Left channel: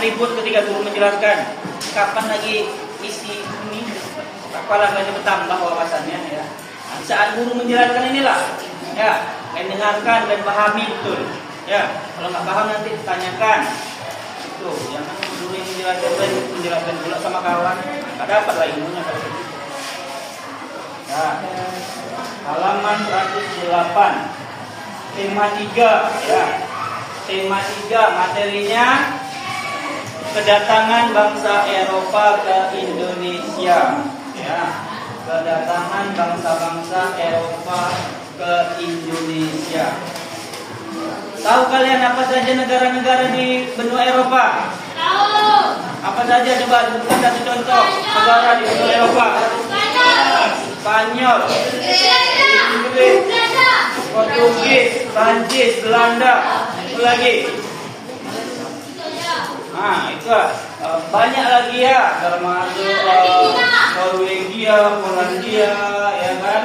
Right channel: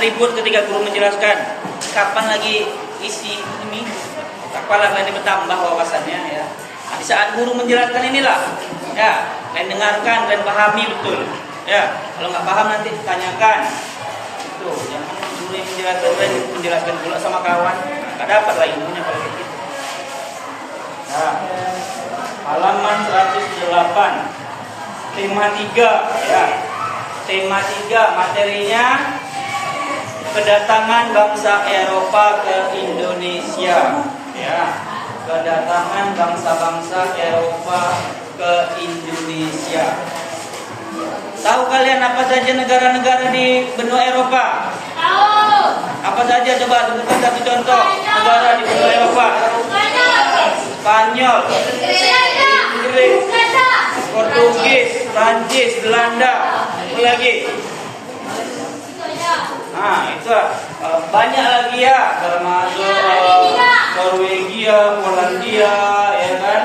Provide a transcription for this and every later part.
ribut ketika guru menjelaskan. Kapan lagi isi ini? Kepala kalian bertambah wawasannya ya. Nah, di saat guru menjelaskan inilah ya, kalian dengarkan dan pahami betul. Ya, kalau nggak paham nanti tanyakan. Itu, jangan guru yang menjelaskan pula sama kawan. Nggak dapat lah ilmunya kalau gitu. Nah, halaman 108. Tema 3 ya. Tema 3 materinya kedatangan bangsa Eropa ke Indonesia ya. Kedatangan bangsa-bangsa Eropa ke Indonesia. Tahu kalian apa saja negara-negara di benua Eropa? Tahu. Apa saja, coba sebutkan satu contoh negara di benua Eropa. Spanyol, Inggris, Portugis, Prancis, Belanda, apa lagi? Nah, itu banyak lagi ya, termasuk Norwegia, Polandia, ya kan?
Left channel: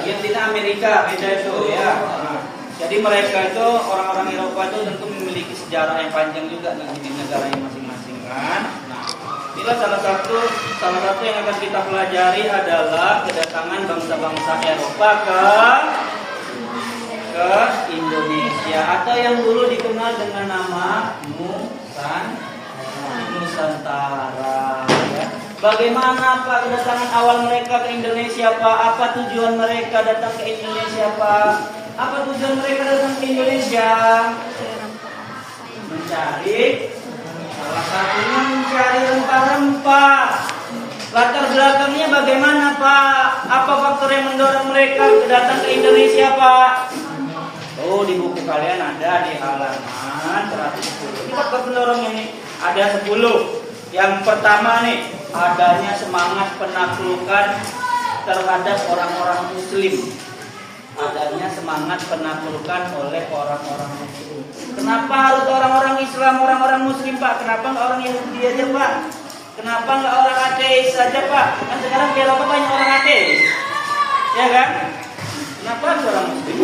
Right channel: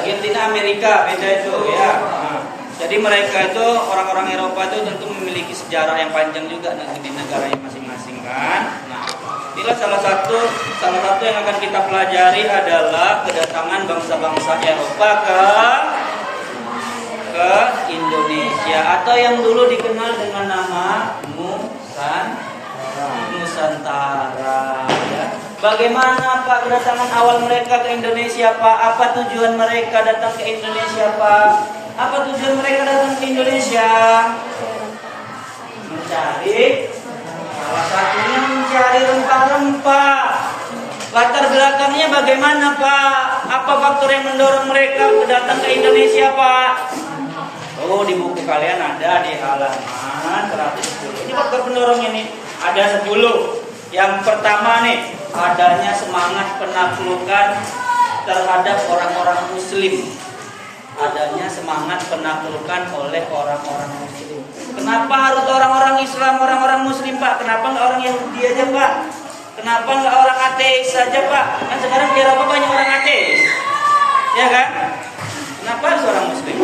Argentina, Amerika, beda itu ya. Nah, jadi mereka itu orang-orang Eropa itu tentu memiliki sejarah yang panjang juga di negaranya masing-masing kan. Nah, inilah salah satu yang akan kita pelajari adalah kedatangan bangsa-bangsa Eropa ke Indonesia atau yang dulu dikenal dengan nama Nusantara. Ya. Bagaimana Pak kedatangan awal mereka ke Indonesia Pak? Apa tujuan mereka datang ke Indonesia Pak? Apa tujuan mereka datang ke Indonesia? Salah satunya mencari rempah-rempah. Latar belakangnya bagaimana Pak? Apa faktor yang mendorong mereka datang ke Indonesia Pak? Oh, di buku kalian ada di halaman 110. Ini faktor pendorongnya nih. Ada 10. Yang pertama nih, adanya semangat penaklukan terhadap orang-orang muslim. Adanya semangat penaklukan oleh orang-orang muslim. Kenapa harus orang-orang Islam, orang-orang muslim Pak? Kenapa nggak orang Yahudi aja Pak? Kenapa nggak orang ateis saja Pak? Kan sekarang di Eropa banyak orang ateis, ya kan? Kenapa harus orang muslim?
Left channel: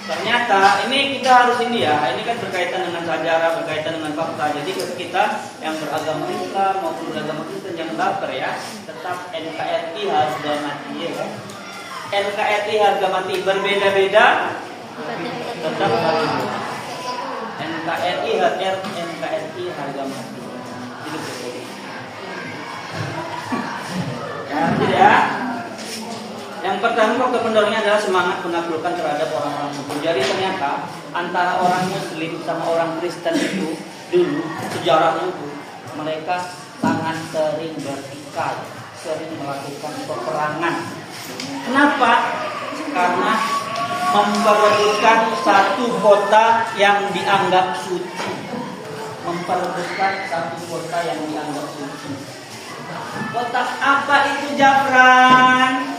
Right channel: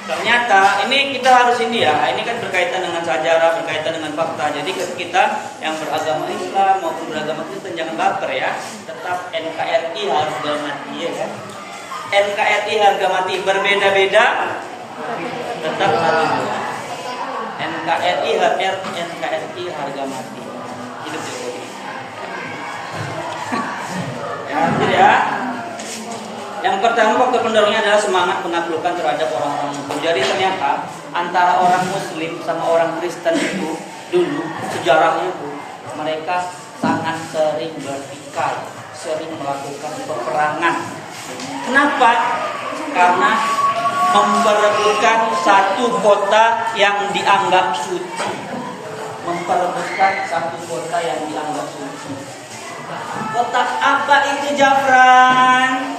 Ternyata ini kita harus ini ya, ini kan berkaitan dengan sejarah, berkaitan dengan fakta. Jadi kita yang beragama Islam maupun beragama Kristen jangan baper ya. Tetap NKRI harga mati ya kan. NKRI harga mati, berbeda-beda tetap harga. NKRI harga mati. Hidup Jokowi. Ya, tidak. Yang pertama faktor pendorongnya adalah semangat penaklukan terhadap orang-orang muslim. Jadi ternyata antara orang muslim sama orang Kristen itu dulu sejarahnya itu mereka sangat sering bertikai, sering melakukan peperangan. Kenapa? Karena memperebutkan satu kota yang dianggap suci. Memperebutkan satu kota yang dianggap suci. Kota apa itu Jafran?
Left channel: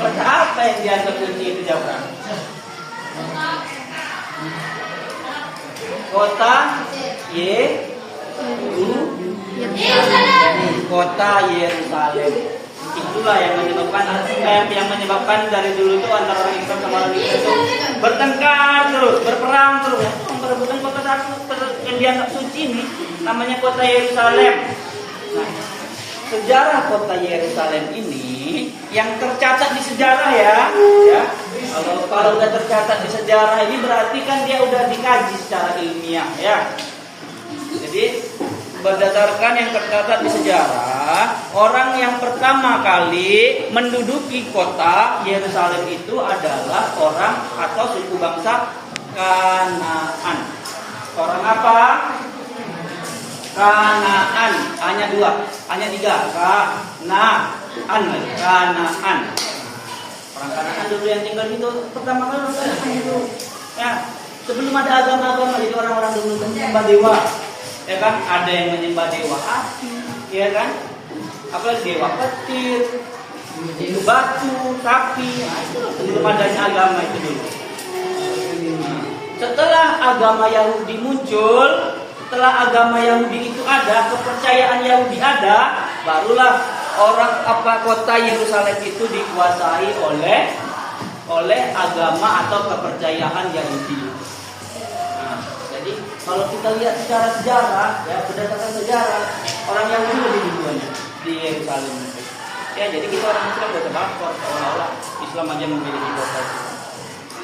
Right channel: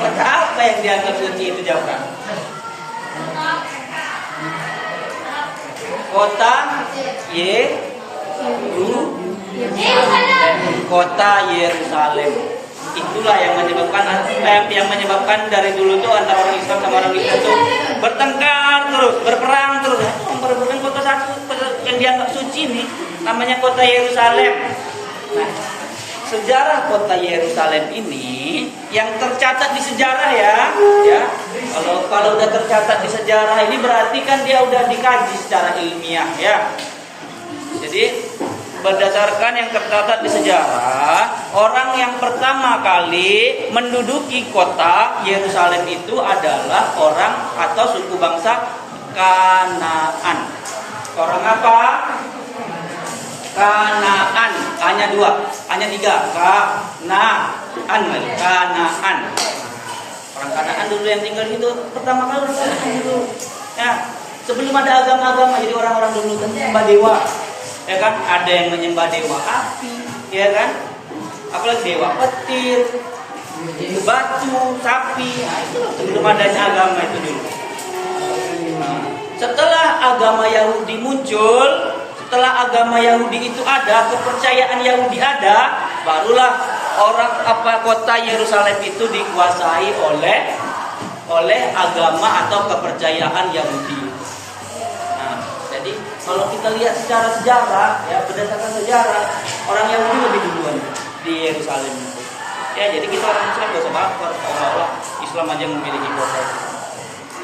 Kota apa yang dianggap suci itu Jafran? Kota Kota Yerusalem. Itulah yang menyebabkan dari dulu tuh antara orang Islam sama orang Kristen tuh bertengkar terus, berperang terus. Memperebutkan kota satu yang dianggap suci nih, namanya kota Yerusalem. Nah, sejarah kota Yerusalem ini yang tercatat di sejarah ya. Kalau udah tercatat di sejarah ini berarti kan dia udah dikaji secara ilmiah ya. Jadi berdasarkan yang tercatat di sejarah, orang yang pertama kali menduduki kota Yerusalem itu adalah orang atau suku bangsa Kanaan. Orang apa? Kanaan. Hanya 2, hanya 3. Kanaan. Orang Kanaan dulu yang tinggal itu pertama kali orang Kanaan dulu. Ya, sebelum ada agama-agama, jadi orang-orang dulu menyembah dewa. Ya kan, ada yang menyembah dewa api, ya kan? Apalagi dewa petir, itu batu, sapi. Nah, itu sebelum adanya agama itu dulu. Setelah agama Yahudi muncul, setelah agama Yahudi itu ada, kepercayaan Yahudi ada, barulah kota Yerusalem itu dikuasai oleh agama atau kepercayaan Yahudi. Nah, Jadi kalau kita lihat secara sejarah, ya berdasarkan sejarah, orang Yahudi lebih duluan di Yerusalem. Ya, jadi kita orang Islam gak usah baper seolah-olah Islam aja memiliki kota.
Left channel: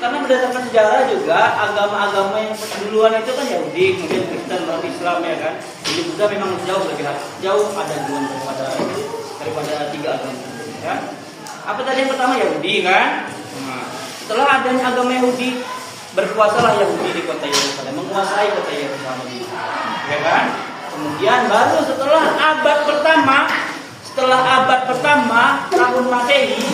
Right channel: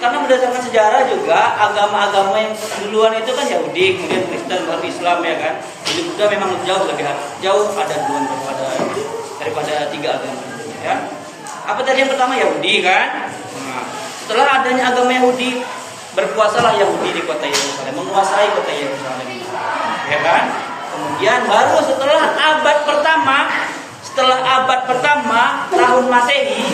Karena berdasarkan sejarah juga agama-agama yang duluan itu kan Yahudi, kemudian Kristen, baru Islam ya kan. Jadi Buddha memang jauh ada duluan daripada tiga agama ya. Apa tadi yang pertama Yahudi kan? Nah, setelah adanya agama Yahudi, berkuasalah Yahudi di kota Yerusalem, menguasai kota Yerusalem, ya kan? Kemudian baru setelah abad pertama tahun Masehi,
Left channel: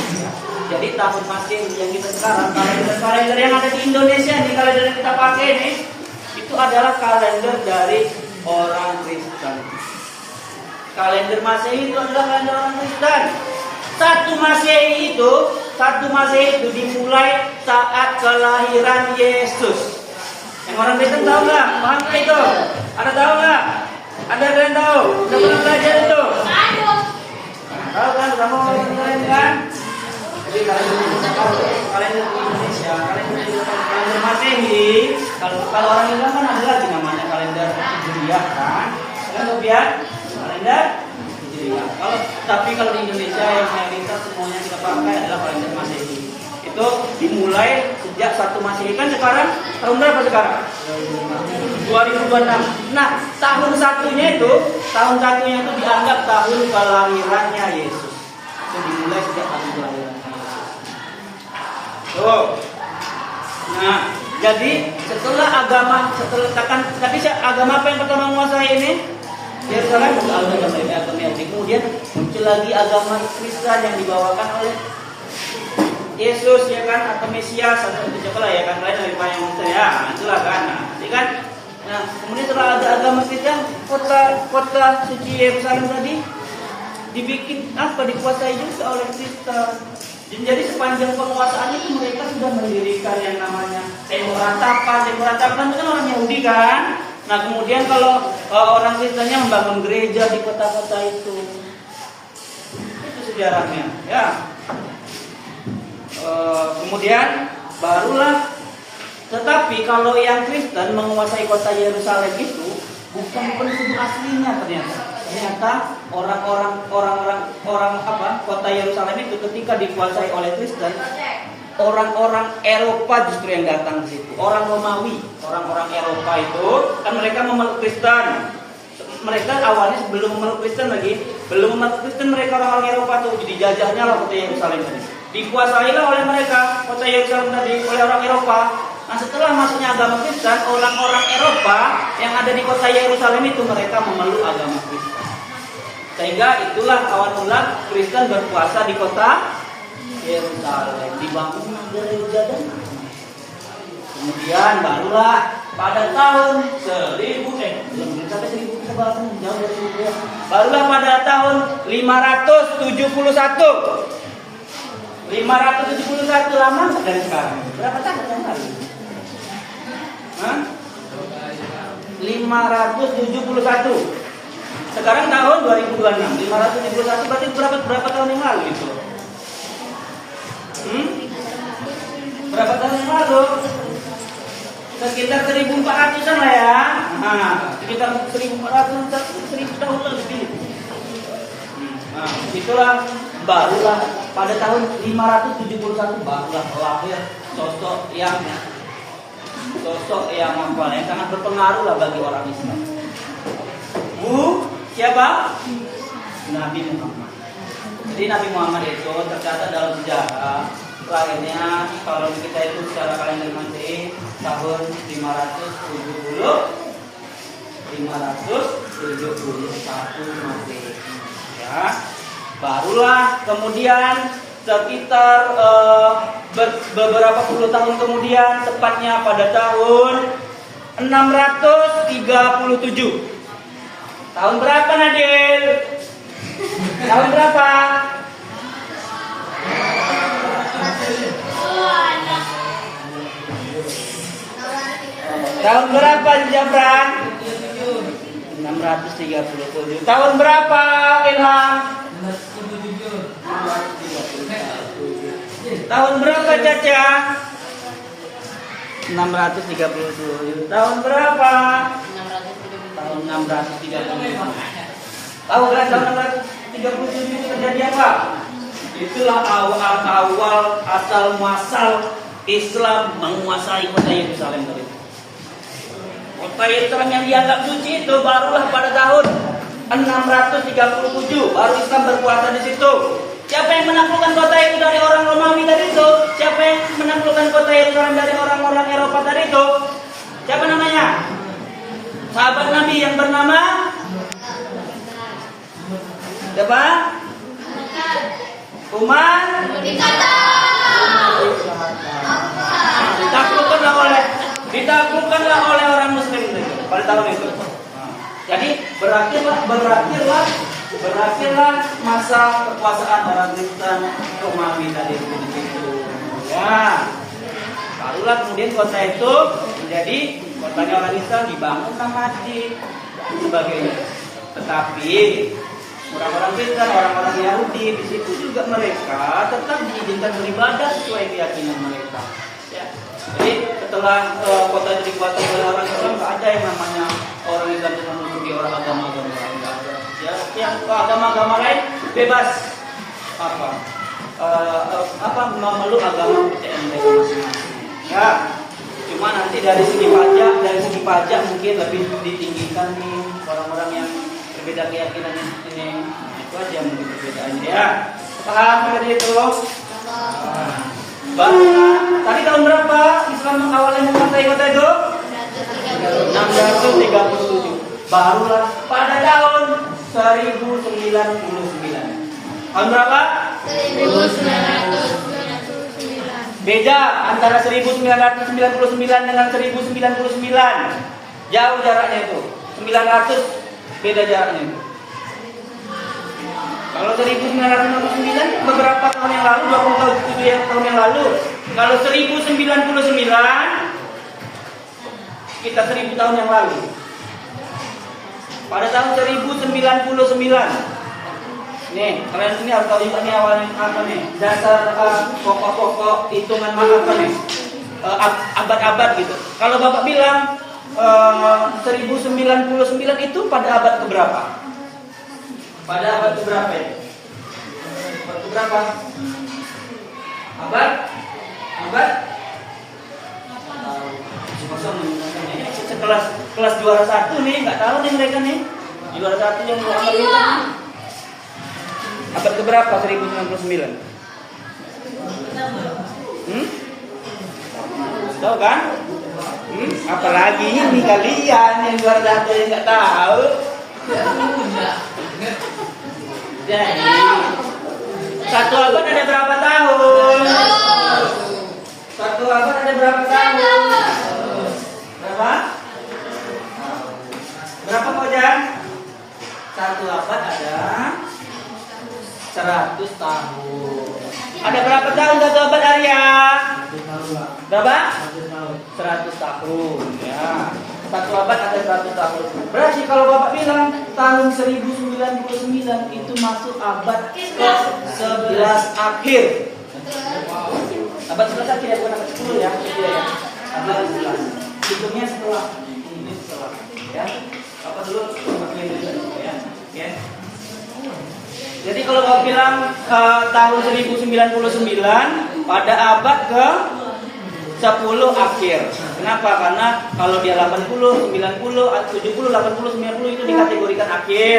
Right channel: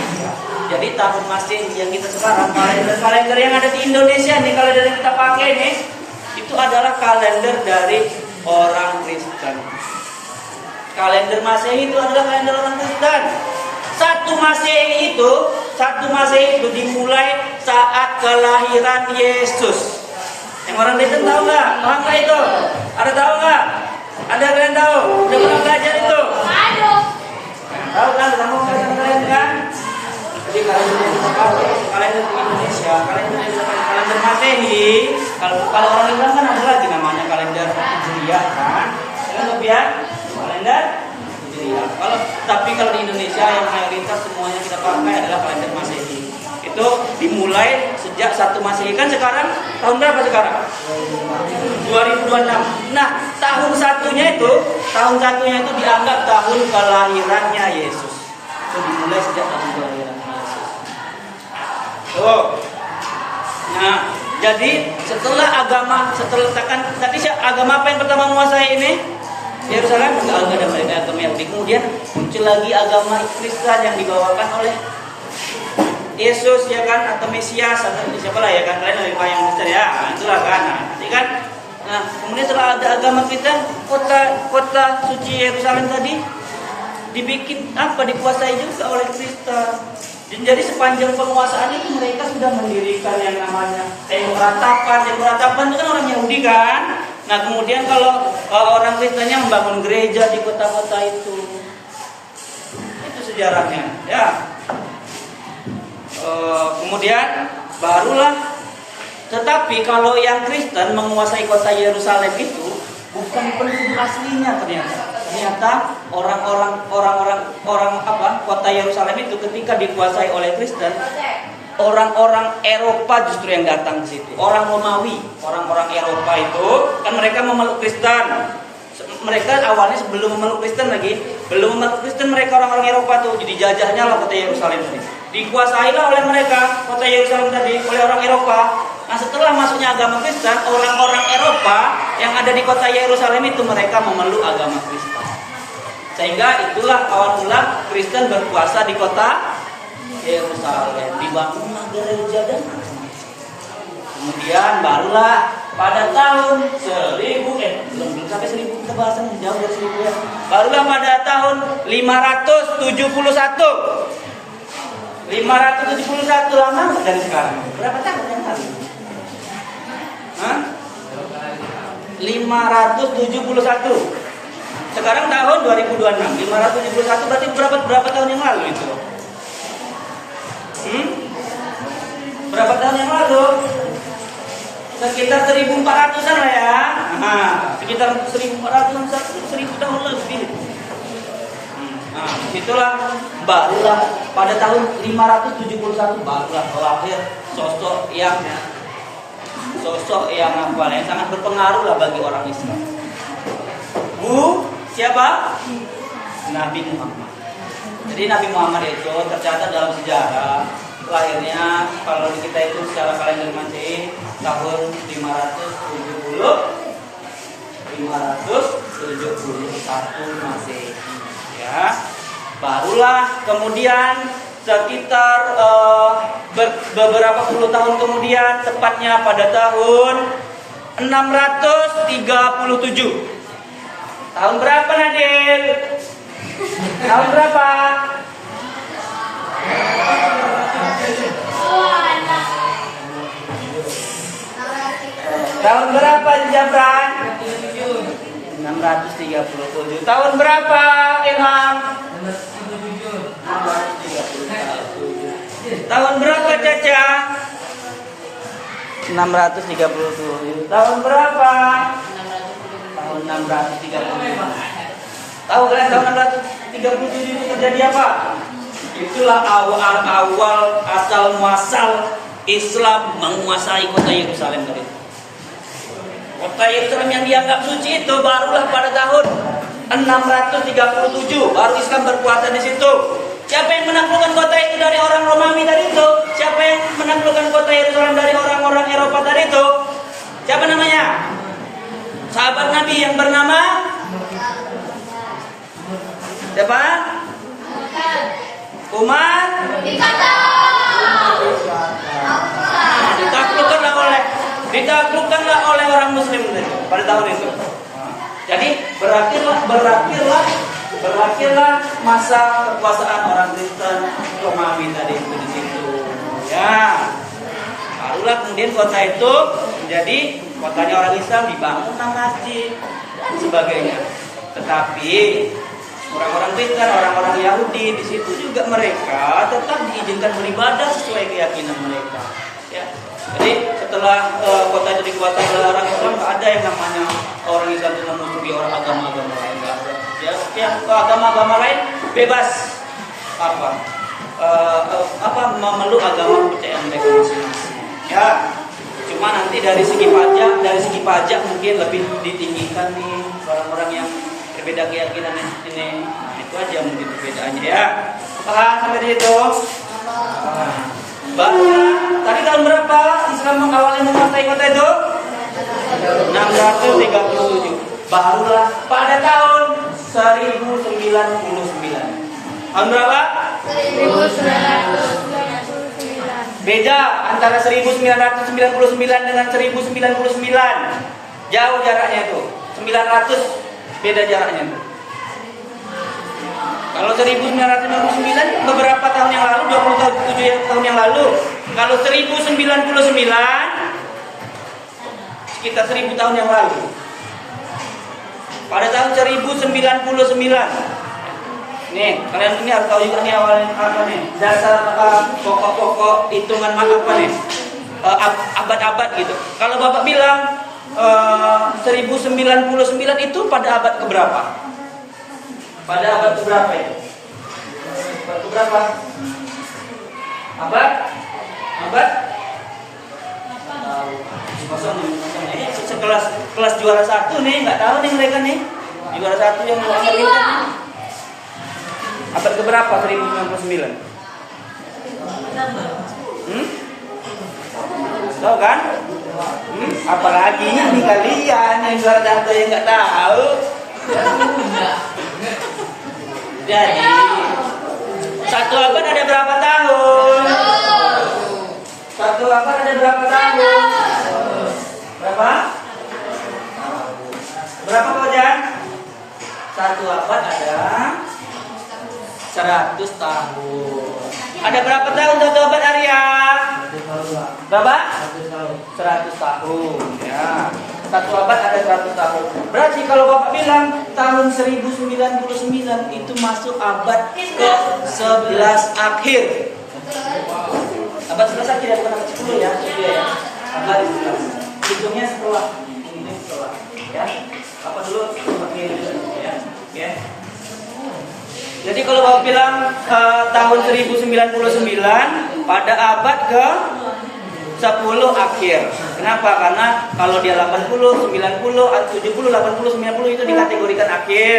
jadi tahun Masehi yang kita sekarang, kalender yang ada di Indonesia nih, kalender yang kita pakai nih, itu adalah kalender dari orang Kristen. Kalender Masehi itu adalah kalender orang Kristen. Satu Masehi itu dimulai saat kelahiran Yesus. Yang orang Kristen tahu nggak? Paham nggak itu? Ada tahu nggak? Ada kalian tahu? Udah pernah belajar itu? Tahu kan? Sama kalian kan? Jadi kalender Indonesia, kalender Masehi. Kalau orang Islam kan ada lagi namanya kalender Hijriah kan? Kalian lihat kalender. Tapi kalau di Indonesia yang mayoritas semuanya kita pakai adalah kalender Masehi. Itu dimulai sejak 1 Masehi kan sekarang tahun berapa sekarang? 2026. Nah, tahun satunya itu dianggap tahun kelahirannya Yesus. Itu dimulai sejak tahun kelahirannya Yesus. Tuh. Nah, jadi setelah agama apa yang pertama menguasai ini? Yerusalem juga agama Yahudi. Kemudian muncul lagi agama Kristen yang dibawakan oleh Yesus ya kan, atau Mesias atau siapa lah ya kan, kalian lebih paham yang Kristen ya, itulah kan. Nah, kemudian setelah ada agama Kristen, kota suci Yerusalem tadi dibikin dikuasai juga oleh Kristen. Dan jadi sepanjang penguasaannya itu mereka sudah mendirikan yang namanya tembok ratapan. Tembok ratapan itu kan orang Yahudi kan. Nah, kemudian kalau orang Kristennya membangun gereja di kota-kota itu sejarahnya, ya. Kemudian barulah, tetapi kalau yang Kristen menguasai kota Yerusalem itu bukan penduduk aslinya ternyata orang kota Yerusalem itu ketika dikuasai oleh Kristen, orang-orang Eropa justru yang datang ke situ. Orang Romawi, orang-orang Eropa itu kan mereka memeluk Kristen. Mereka awalnya sebelum memeluk Kristen mereka orang-orang Eropa tuh. Jadi jajahnya lah kota Yerusalem tadi. Dikuasailah oleh mereka kota Yerusalem tadi oleh orang Eropa. Nah, setelah masuknya agama Kristen, orang-orang Eropa yang ada di kota Yerusalem itu mereka memeluk agama Kristen. Sehingga itulah awal mula Kristen berkuasa di kota Yerusalem, dibangunlah gereja dan macam-macam. Kemudian barulah pada tahun 1000 belum sampai 1000 kita bahas jauh dari 1000 ya. Barulah pada tahun 571 lama dari sekarang. Berapa tahun yang lalu? 571. Sekarang tahun 2026. 571 berarti berapa tahun yang lalu itu? Berapa tahun yang lalu? Sekitar 1400-an lah ya. Sekitar 1400-an, 1000 tahun lebih. Nah, itulah barulah pada tahun 571 barulah lahir sosok yang sangat berpengaruh lah bagi orang Islam. Siapa? Nabi Muhammad. Jadi Nabi Muhammad itu tercatat dalam sejarah lahirnya kalau kita itu secara kalender Masehi tahun 571 Masehi. Ya. Barulah kemudian sekitar beberapa puluh tahun kemudian, tepatnya pada tahun 637. Tahun berapa Nadil? Tahun berapa? Tahun berapa di Jabran? 637. Tahun berapa Ilham? 637. Tahun berapa Caca? 637. Tahun berapa? Tahun 637. Tahu kan tahun 637 itu terjadi apa? Itulah awal asal muasal Islam menguasai kota Yerusalem tadi. Kota Yerusalem yang dianggap suci itu barulah pada tahun 637 baru Islam berkuasa di situ. Siapa yang menaklukkan kota itu dari orang Romawi tadi itu? Siapa yang menaklukkan kota Yerusalem dari orang-orang Eropa tadi itu? Siapa namanya? Sahabat Nabi yang bernama siapa? Umar. Ditaklukkanlah oleh orang Muslim tadi pada tahun itu. Jadi berakhirlah masa kekuasaan orang Kristen Romawi tadi di situ. Ya, barulah kemudian kota itu menjadi kotanya orang Islam, dibangunlah masjid dan sebagainya. Tetapi orang-orang Kristen, orang-orang Yahudi di situ juga mereka tetap diizinkan beribadah sesuai keyakinan mereka. Ya. Jadi setelah kota itu dikuasai oleh orang Islam, nggak ada yang namanya orang Islam itu menutupi orang agama-agama lain, nggak ada. Ya, yang ke agama-agama lain bebas memeluk agama kepercayaan mereka masing-masing. Ya, cuma nanti dari segi pajak mungkin lebih ditinggikan nih orang-orang yang berbeda keyakinan ini. Itu aja mungkin perbedaannya ya. Paham sampai di situ? Tadi tahun berapa Islam awalnya menguasai kota itu? 637. Barulah pada tahun 1099. Tahun berapa? 1999. Beda antara 1999 dengan 1099. Jauh jaraknya itu. 900 beda jaraknya itu. Kalau 1999 beberapa tahun yang lalu, 27 tahun yang lalu. Kalau 1099 sekitar 1000 tahun yang lalu. Pada tahun 1099. Nih, kalian ini harus tahu juga nih awalnya apa nih? Dasar pokok-pokok hitungan apa nih? Abad-abad gitu. Kalau Bapak bilang 1099 itu pada abad keberapa? Pada abad keberapa itu? Abad keberapa? Abad? Kelas juara 1 nih, nggak tahu nih mereka nih. Juara 1 yang mau angkat kita. Abad keberapa 1099? Tahu kan? Apalagi ini kalian yang juara 1 yang nggak tahu. Jadi satu abad ada berapa tahun? Satu abad ada berapa tahun? Berapa? Berapa Kojan? Satu abad ada 100 tahun. Ada berapa tahun satu abad Arya? Berapa? 100 tahun. Ya. Satu abad ada 100 tahun. Berarti kalau Bapak bilang tahun 1099 itu masuk abad ke-11 akhir. Abad 11 akhir ya, bukan abad 10 ya. Abad 11. Hitungnya setelah ini setelah. Ya. Apa dulu? Ya. Ya. Jadi kalau Bapak bilang tahun 1099 pada abad ke-10 akhir. Kenapa? Karena kalau dia 80, 90, 70, 80, 90 itu dikategorikan akhir.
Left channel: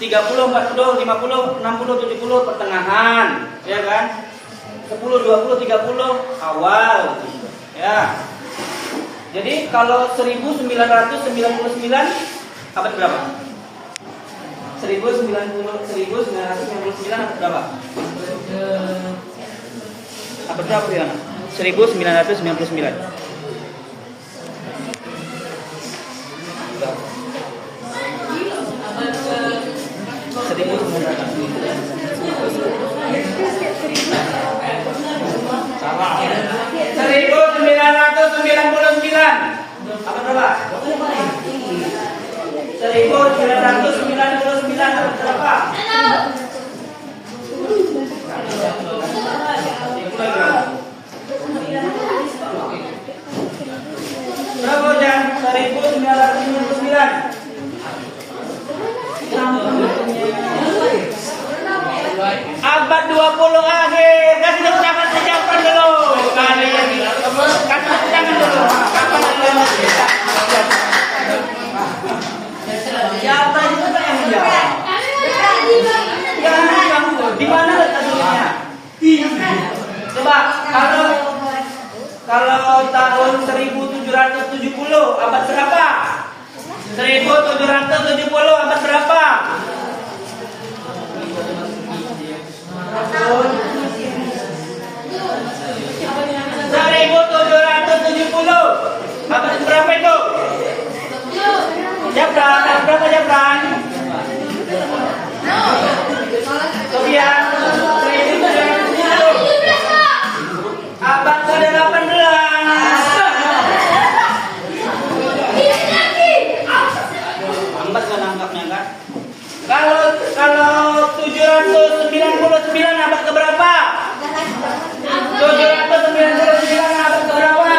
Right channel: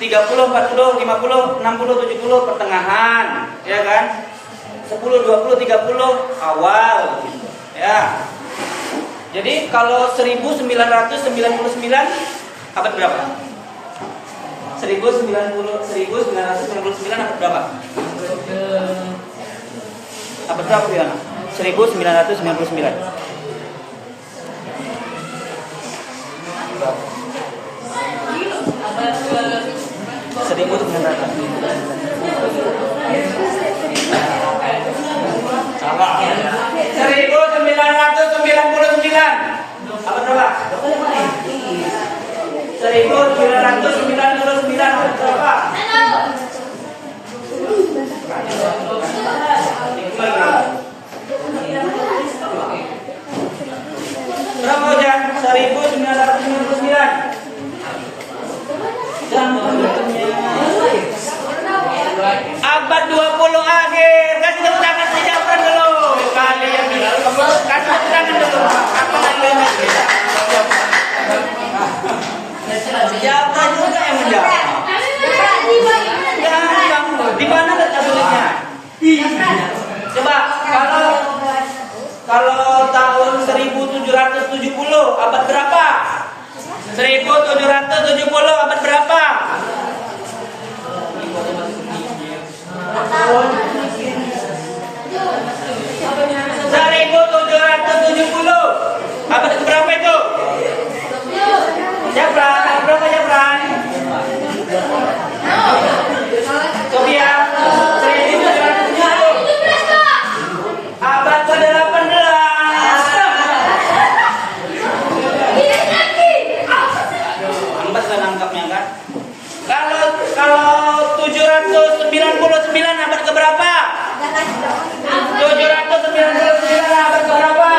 30, 40, 50, 60, 70 pertengahan, ya kan? 10, 20, 30 awal gitu. Ya. Jadi kalau 1999 abad berapa? 1999 abad berapa? Abad berapa ya? 1999. Salah. 1999. Apa berapa? 1999 berapa? 1999. Abad 20 akhir. Kasih tepuk tangan sejahtera dulu. Kalian kasih tepuk tangan dulu. Kapan lagi yang kita? Sejahtera juga yang menjawab. Di mana letak sulitnya? Coba kalau tahun 1770 abad berapa? 1770 abad berapa? 1770 abad berapa itu? Siapa? Sofia, 1770 abad ke-18. Lambat kan nangkapnya kan? Kalau 799 abad ke berapa? 799 abad ke berapa?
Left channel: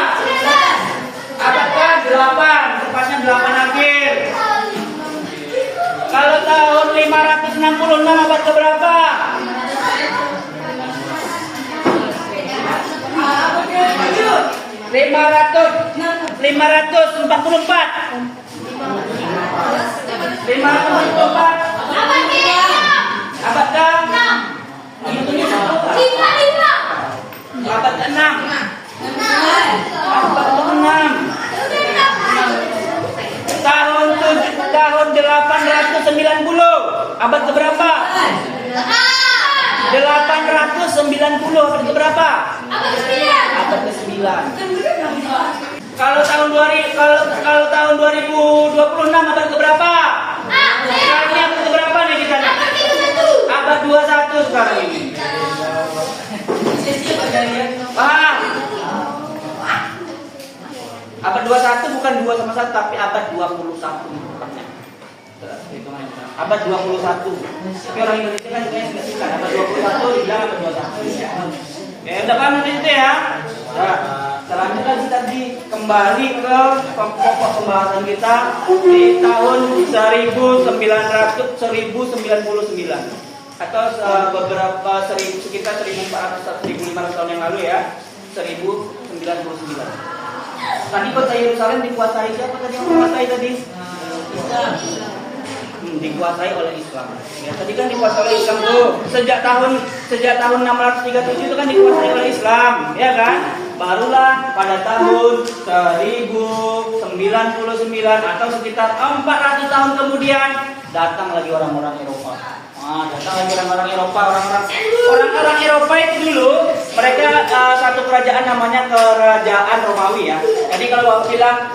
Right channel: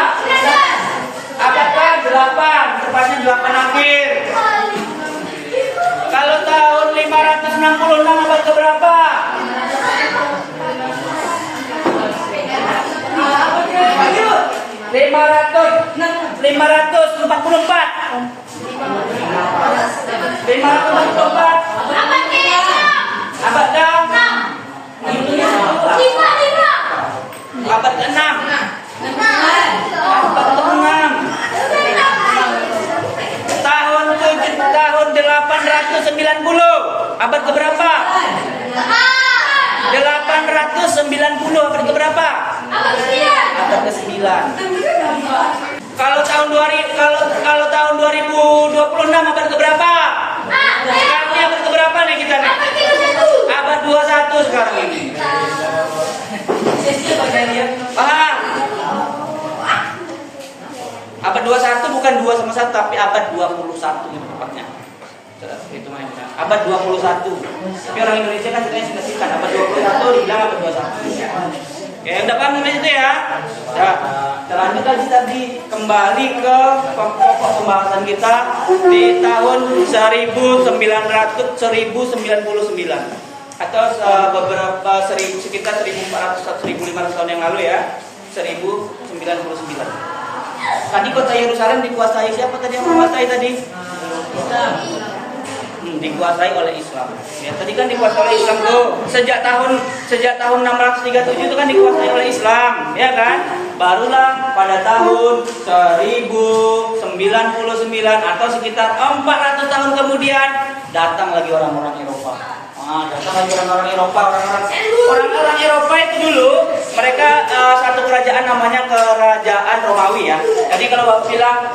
Abad ke-8, tepatnya 8 akhir. Kalau tahun 566 abad ke berapa? 544 abad ke-6. Abad ke-6. Abad ke-6. Tahun 890 abad ke berapa? 890 abad ke berapa? Abad ke-9. Kalau tahun 2026 abad ke berapa? Sekarang ini abad ke berapa nih kita nih? Abad 21 sekarang ini. Paham? Abad 21 bukan 2 sama 1 tapi abad 21 itu tepatnya. Itu main kita. Abad 21. Tapi orang Indonesia kan katanya sudah singkat abad 21 dibilang abad 21. Ya, udah paham itu ya? Nah, selanjutnya lagi tadi kembali ke pokok pembahasan kita di tahun 1999 atau beberapa sekitar 1400-1500 tahun yang lalu ya, 1099. Tadi kota Yerusalem dikuasai siapa tadi yang menguasai tadi? Dikuasai oleh Islam. Ya, tadi kan dikuasai oleh Islam tuh. Sejak tahun 637 itu kan dikuasai oleh Islam, ya kan? Barulah pada tahun 1099 atau sekitar 400 tahun kemudian datang lagi orang-orang Eropa. Datang lagi orang-orang Eropa, orang-orang Eropa itu dulu mereka satu kerajaan namanya kerajaan Romawi ya. Jadi kalau Bapak bilang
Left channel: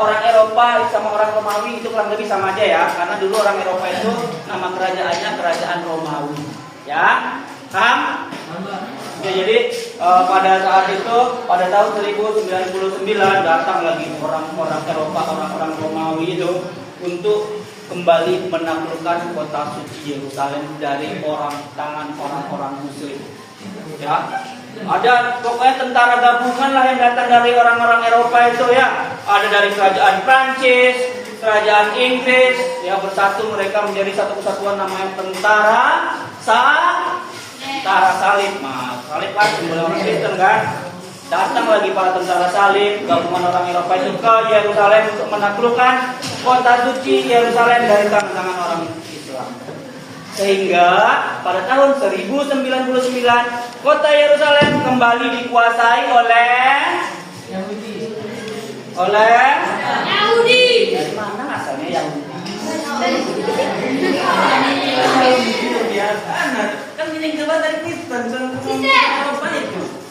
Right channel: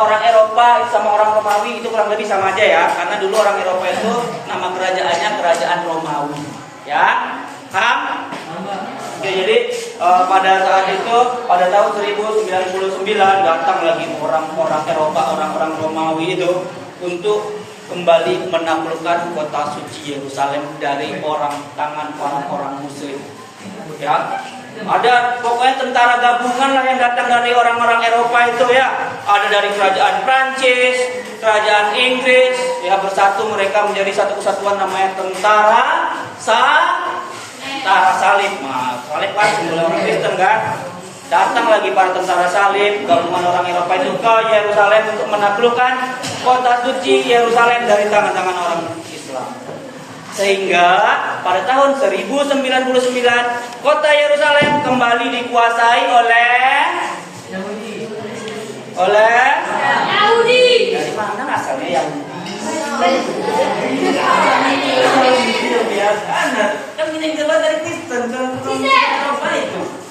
orang Eropa sama orang Romawi itu kurang lebih sama aja ya, karena dulu orang Eropa itu nama kerajaannya kerajaan Romawi. Ya, paham? Oke, jadi pada saat itu pada tahun 1099 datang lagi orang-orang Eropa, orang-orang Romawi itu untuk kembali menaklukkan kota suci Yerusalem dari tangan orang-orang Muslim. Ya, ada pokoknya tentara gabungan lah yang datang dari orang-orang Eropa itu ya. Ada dari kerajaan Prancis, kerajaan Inggris, ya bersatu mereka menjadi satu kesatuan namanya tentara salib. Nah, salib kan simbol orang Kristen kan. Datang lagi para tentara salib, gabungan orang Eropa itu ke Yerusalem untuk menaklukkan kota suci Yerusalem dari tangan-tangan orang Islam. Sehingga pada tahun 1099 kota Yerusalem kembali dikuasai oleh Yahudi. Dari mana asalnya Yahudi? Kan ini coba dari Kristen, apa itu?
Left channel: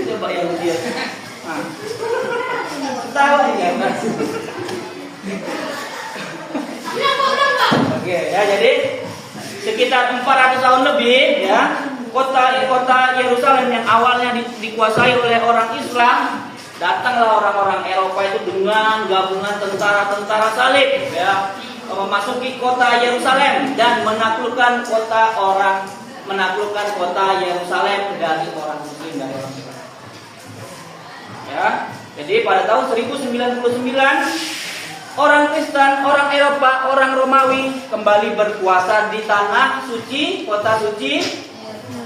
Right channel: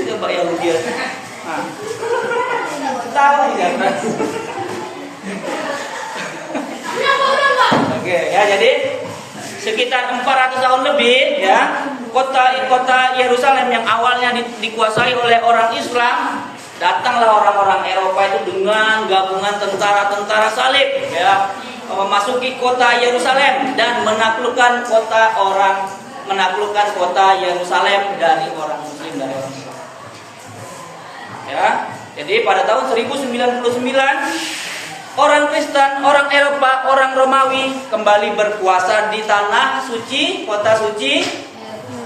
Coba Yahudi. Tahu ya kan? Oke, ya jadi sekitar 400 tahun lebih ya, kota Yerusalem yang awalnya dikuasai oleh orang Islam, datanglah orang-orang Eropa itu dengan gabungan tentara-tentara salib ya, memasuki kota Yerusalem dan menaklukkan kota Yerusalem dari orang Muslim, dari orang Islam. Ya. Jadi pada tahun 1099 orang Kristen, orang Eropa, orang Romawi kembali berkuasa di tanah suci, kota suci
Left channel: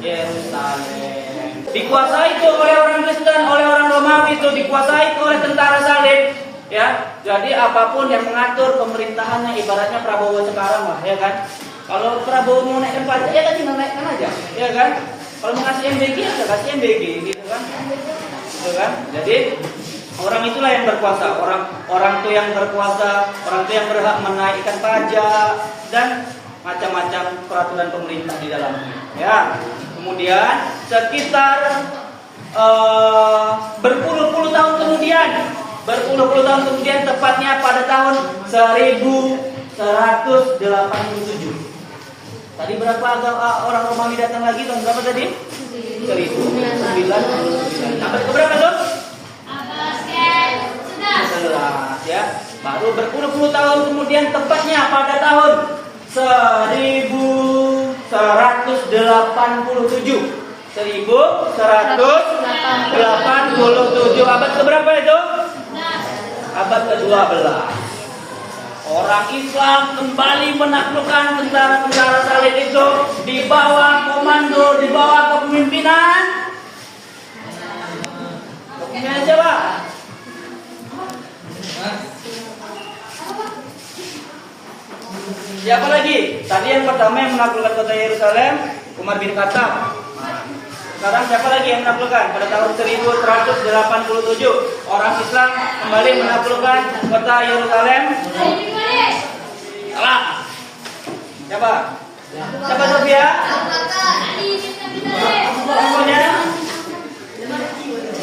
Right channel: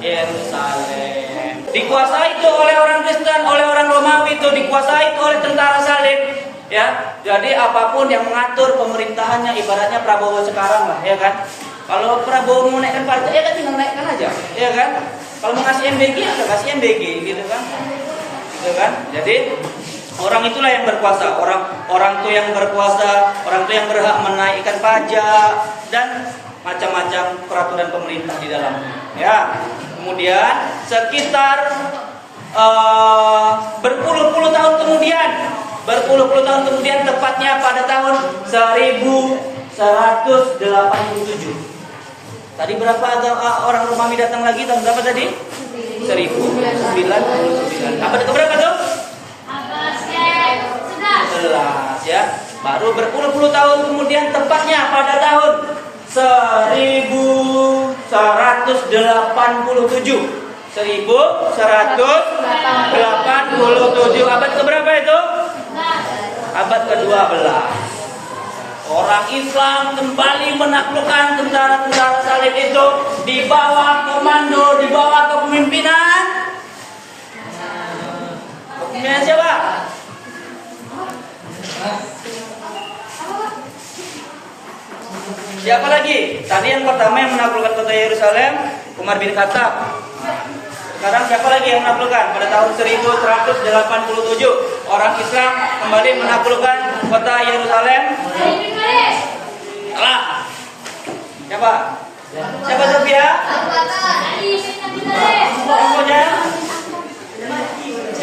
Yerusalem. Dikuasai itu oleh orang Kristen, oleh orang Romawi, itu dikuasai oleh tentara salib. Ya, jadi apapun yang mengatur pemerintahannya, ibaratnya Prabowo sekarang lah, ya kan? Kalau Prabowo mau naikkan pajak, ya kan tinggal naikkan aja, ya kan? Kalau mau ngasih MBG, ya kasih MBG, gitu kan? Gitu kan? Jadi orang itulah yang berkuasa, orang tuh yang berkuasa, orang tuh yang berhak menaikkan pajak dan macam-macam peraturan pemerintah di dalamnya. Ya, kemudian sekitar berpuluh-puluh tahun kemudian, tepatnya pada tahun 1187. Tadi berapa orang Romawi datang lagi? Tahun berapa tadi? 1099. Abad keberapa tuh? 11 ya. Baru berpuluh-puluh tahun kemudian, tepatnya pada tahun 1187. 1187. Abad keberapa itu? Abad ke-12. Orang Islam kembali menaklukkan tentara-tentara salib itu di bawah komando, di bawah kepemimpinan siapa? Siapa lagi? Tadi yang pertama yang menaklukkan kota Yerusalem, Umar bin Khattab. Sekarang siapa lagi yang menaklukkan? Pada tahun 1187 orang Islam kembali menaklukkan kota Yerusalem. Salah. Siapa? Siapa Sofia? Pokoknya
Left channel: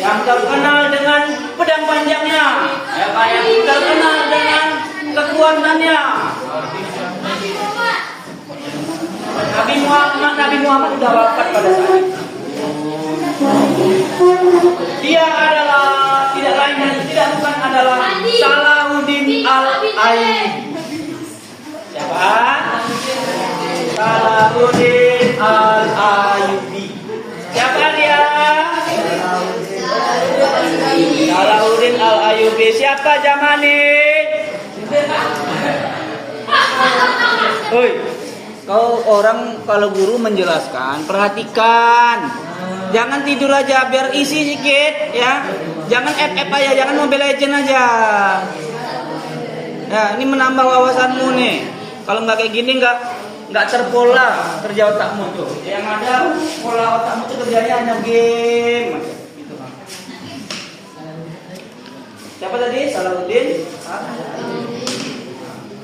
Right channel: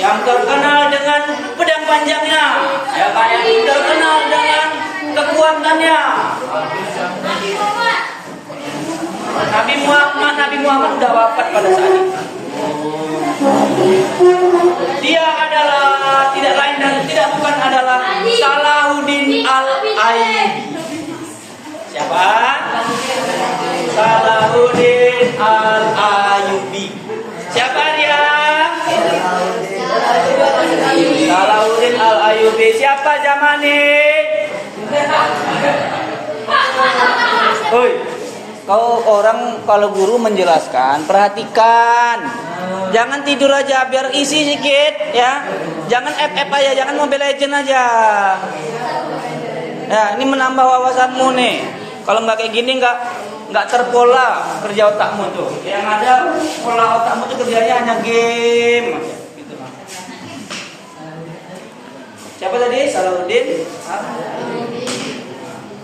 yang terkenal dengan pedang panjangnya, ya kan? Yang terkenal dengan kekuatannya. Nabi Muhammad sudah wafat pada saat itu. Dia adalah tidak lain dan tidak bukan adalah Salahuddin Al-Ayyubi. Siapa? Salahuddin Al-Ayyubi. Siapa dia? Salahuddin Al-Ayyubi. Siapa Jamani? Oi, orang kalau guru menjelaskan, perhatikan. Jangan tidur aja, biar isi sedikit ya. Jangan FF aja, jangan Mobile Legend aja. Ya, ini menambah wawasanmu nih. Kalau nggak kayak gini nggak terpola kerja otakmu tuh. Yang ada pola otakmu tuh kerjanya hanya game aja. Gitu kan. Siapa tadi? Salahuddin?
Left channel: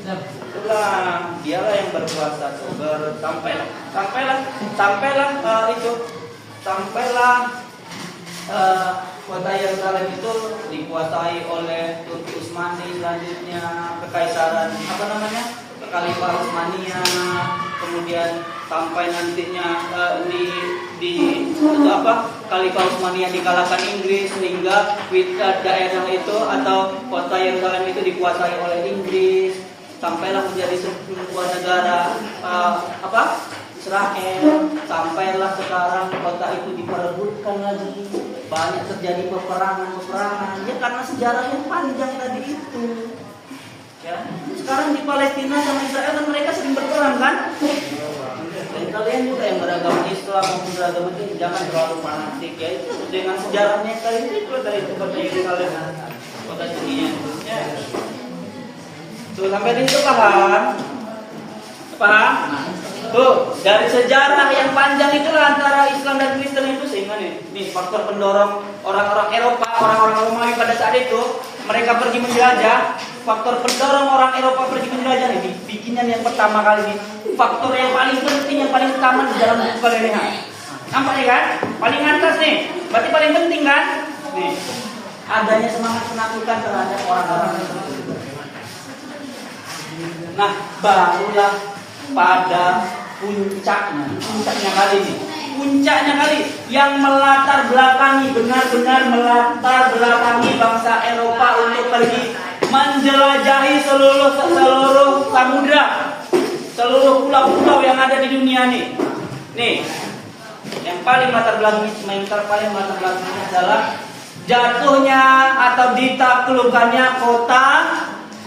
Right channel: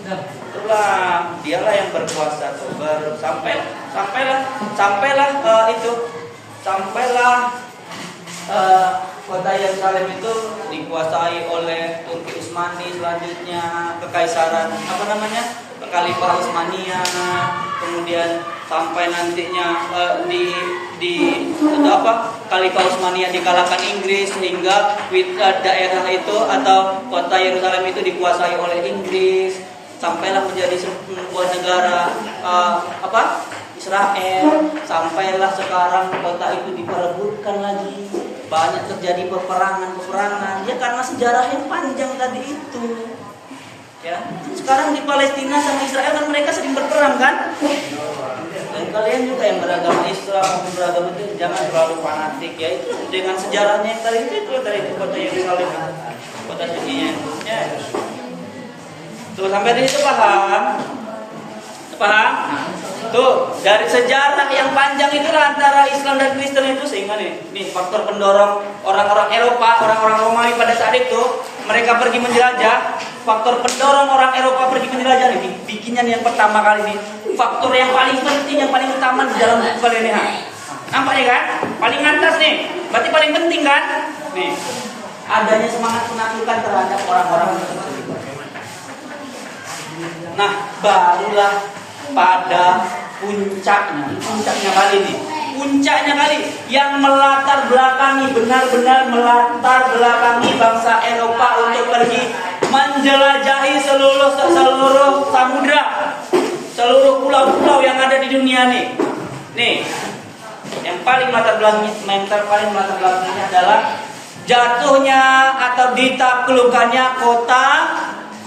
Itulah, dialah yang berkuasa tuh. Sampailah kota Yerusalem itu dikuasai oleh Turki Utsmani, selanjutnya kekaisaran Khalifah Utsmania, kemudian sampai nantinya Khalifah Utsmania dikalahkan Inggris sehingga daerah itu atau kota Yerusalem itu dikuasai oleh Inggris, sampailah menjadi sebuah negara Israel, sampailah sekarang kota itu diperebutkan lagi, banyak terjadi peperangan ya karena sejarah yang panjang tadi itu. Ya, sekarang di Palestina sama Israel kan mereka sering berperang kan? Dan kalian juga yang beragama Islam maupun beragama itu jangan terlalu fanatik ya, itu dengan sejarahnya yang tadi itu dari kota Yerusalem, kota sucinya. Ya. Tuh sampai di situ paham? Paham? Tuh, dari sejarah yang panjang itulah antara Islam dan Kristen itu, sehingga nih faktor pendorong orang-orang Eropa, orang-orang Romawi pada saat itu mereka pergi menjelajah. Faktor pendorong orang Eropa pergi menjelajah ini bikinnya yang pertama kali ini. Faktor yang paling penting, yang paling utama di dalam buku kalian nih. Nampaknya kan? Paling atas nih. Berarti paling penting kan? Nih. Adanya semangat penaklukan terhadap orang-orang tertentu. Nah, barulah pada puncaknya kali ini. Puncaknya kali yang benar-benar melatar belakangi bangsa Eropa untuk pergi menjelajahi seluruh samudra, seluruh pulau-pulau yang ada di dunia nih. Nih, yang paling melatar belakanginya adalah jatuhnya atau ditaklukkannya kota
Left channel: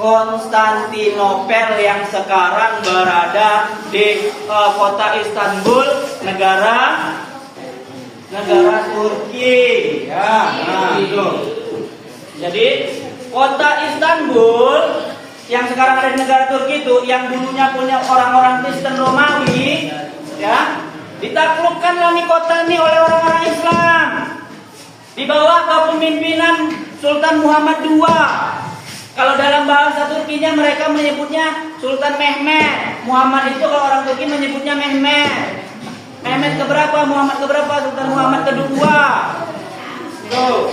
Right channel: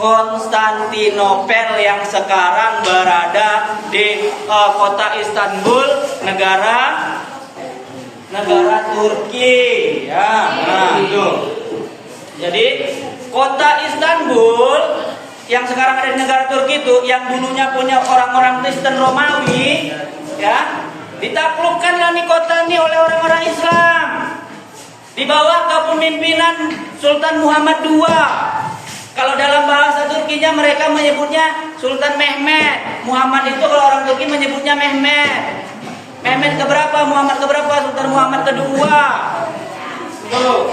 Konstantinopel yang sekarang berada di kota Istanbul, negara Turki. Ya, nah itu. Jadi kota Istanbul yang sekarang ada di negara Turki itu, yang dulunya punya orang-orang Kristen Romawi, ya, ditaklukkanlah nih kota ini oleh orang-orang Islam di bawah kepemimpinan Sultan Muhammad II. Kalau dalam bahasa Turkinya mereka menyebutnya Sultan Mehmet. Muhammad itu kalau orang Turki menyebutnya Mehmet. Mehmet keberapa? Muhammad keberapa? Sultan Muhammad kedua. Tuh.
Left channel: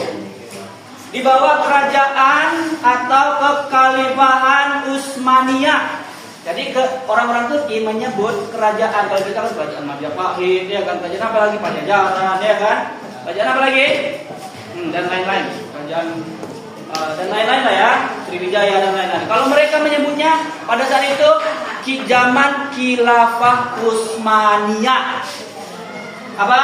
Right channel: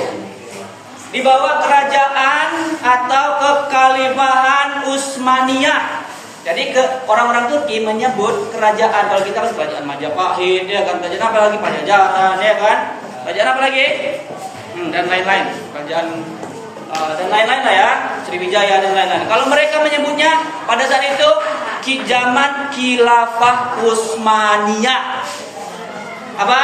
Di bawah kerajaan atau kekhalifahan Utsmaniyah. Jadi orang-orang Turki menyebut kerajaan, kalau kita kan kerajaan Majapahit, ya kan, kerajaan apa lagi, Pajajaran, ya kan, kerajaan apa lagi, dan lain-lain, kerajaan dan lain-lain lah ya, Sriwijaya dan lain-lain. Kalau mereka menyebutnya pada saat itu zaman Khilafah Utsmaniyah. Apa?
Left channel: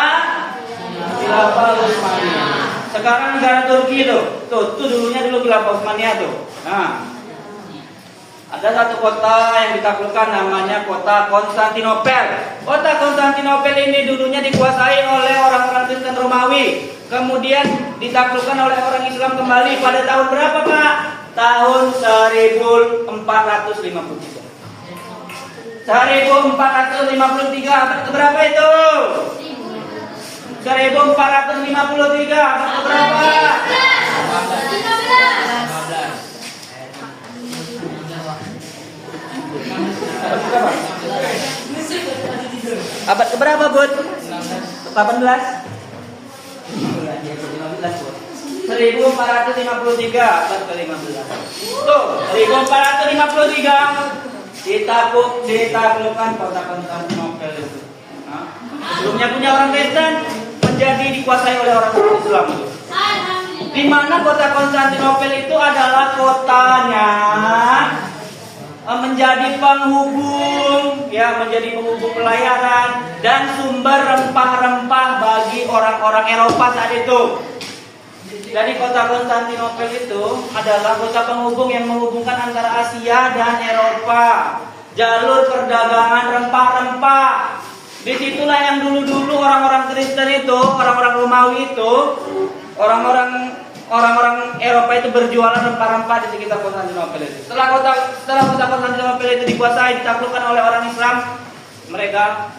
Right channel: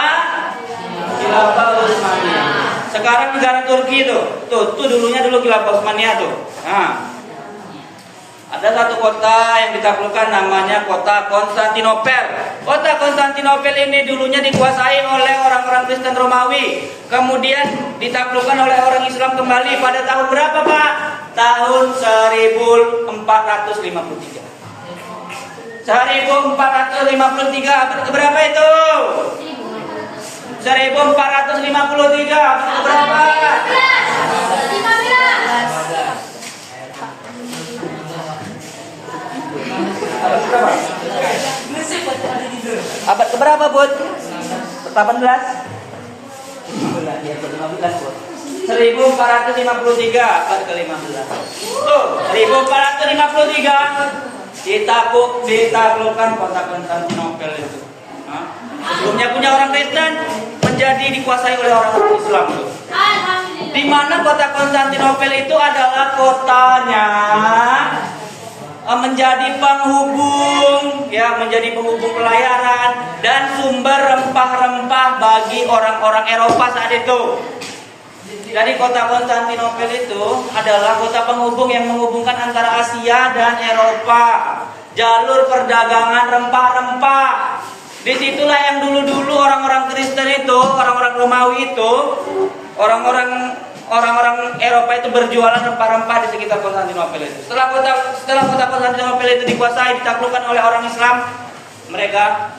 Khilafah Utsmaniyah. Sekarang negara Turki itu, tuh dulunya Khilafah Utsmaniyah tuh. Nah, ada satu kota yang ditaklukkan namanya kota Konstantinopel. Kota Konstantinopel ini dulunya dikuasai oleh orang-orang Kristen Romawi. Kemudian ditaklukkan oleh orang Islam kembali pada tahun berapa, Pak? Tahun 1453. 1453 abad keberapa itu? 1453 abad keberapa? Abad keberapa, Bud? 18? 1453 abad ke-15. Tuh, 1453 ditaklukkan kota Konstantinopel itu. Sebelumnya punya orang Kristen menjadi dikuasai oleh orang Islam itu. Di mana kota Konstantinopel itu adalah kotanya menjadi penghubung, ya, menjadi penghubung pelayaran dan sumber rempah-rempah bagi orang-orang Eropa saat itu. Jadi kota Konstantinopel itu adalah kota penghubung yang menghubungkan antara Asia dan Eropa. Jalur perdagangan rempah-rempah. Disitulah yang dulu-dulu orang-orang Kristen itu, orang-orang Romawi itu, orang-orang Eropa itu berjualan rempah-rempah di sekitar Konstantinopel itu. Setelah kota Konstantinopel itu dikuasai, ditaklukkan oleh orang Islam, mereka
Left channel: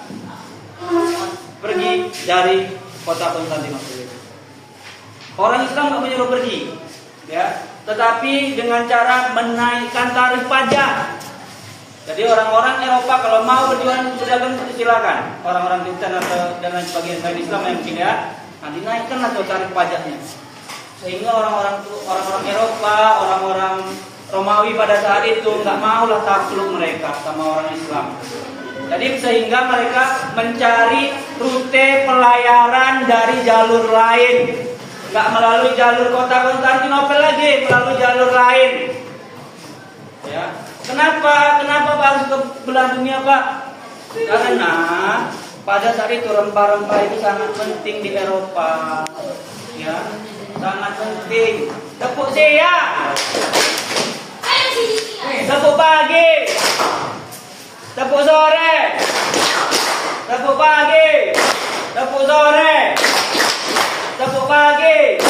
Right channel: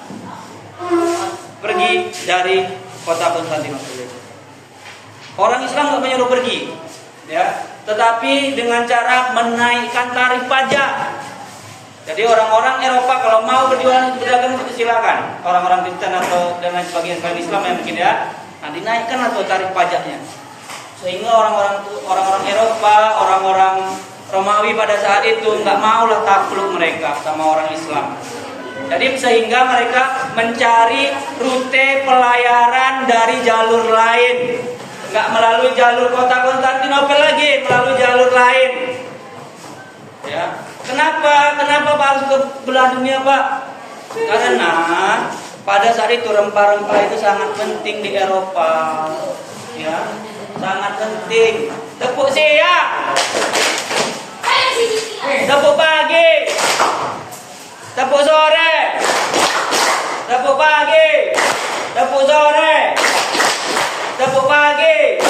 pergi dari kota Konstantinopel itu. Orang Islam nggak menyuruh pergi, ya, tetapi dengan cara menaikkan tarif pajak. Jadi orang-orang Eropa kalau mau berdagang itu silakan. Orang-orang Kristen atau dan lain sebagainya selain Islam yang mungkin ya, nah dinaikkan atau tarif pajaknya. Sehingga orang-orang Eropa, orang-orang Romawi pada saat itu nggak maulah takluk mereka sama orang Islam. Jadi sehingga mereka mencari rute pelayaran dari jalur lain. Nggak melalui jalur kota Konstantinopel lagi, melalui jalur lain. Ya, kenapa Pak harus ke belah dunia, Pak? Karena pada saat itu rempah-rempah itu sangat penting di Eropa, ya, sangat penting. Tepuk siang, tepuk pagi, tepuk sore, tepuk pagi, tepuk sore, tepuk pagi,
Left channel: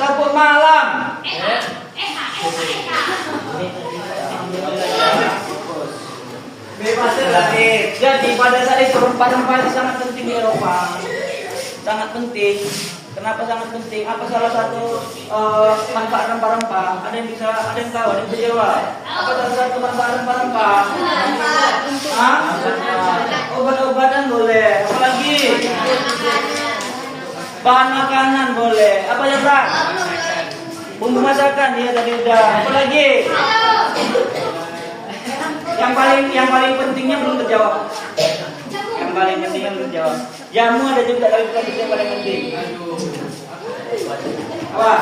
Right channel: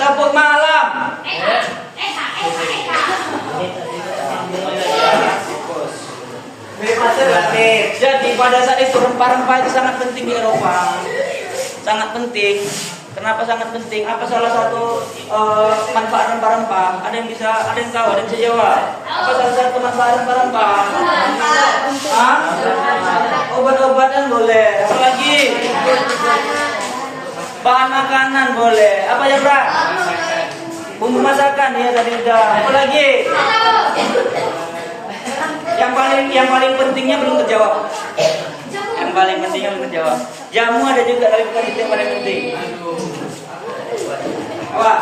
tepuk malam. Jadi pada saat itu rempah-rempah itu sangat penting di Eropa, sangat penting. Kenapa sangat penting? Apa salah satu manfaat rempah-rempah? Ada yang tahu? Ada yang bisa jawab? Apa salah satu manfaat rempah-rempah? Obat-obatan boleh. Apa lagi? Bahan makanan boleh. Apa ya, Bro? Bumbu masakan ya tadi udah. Apa lagi? Yang paling pentingnya belum terjawab. Yang paling pentingnya belum terjawab. Jamu ada juga, tapi bukan itu yang paling penting. Apa?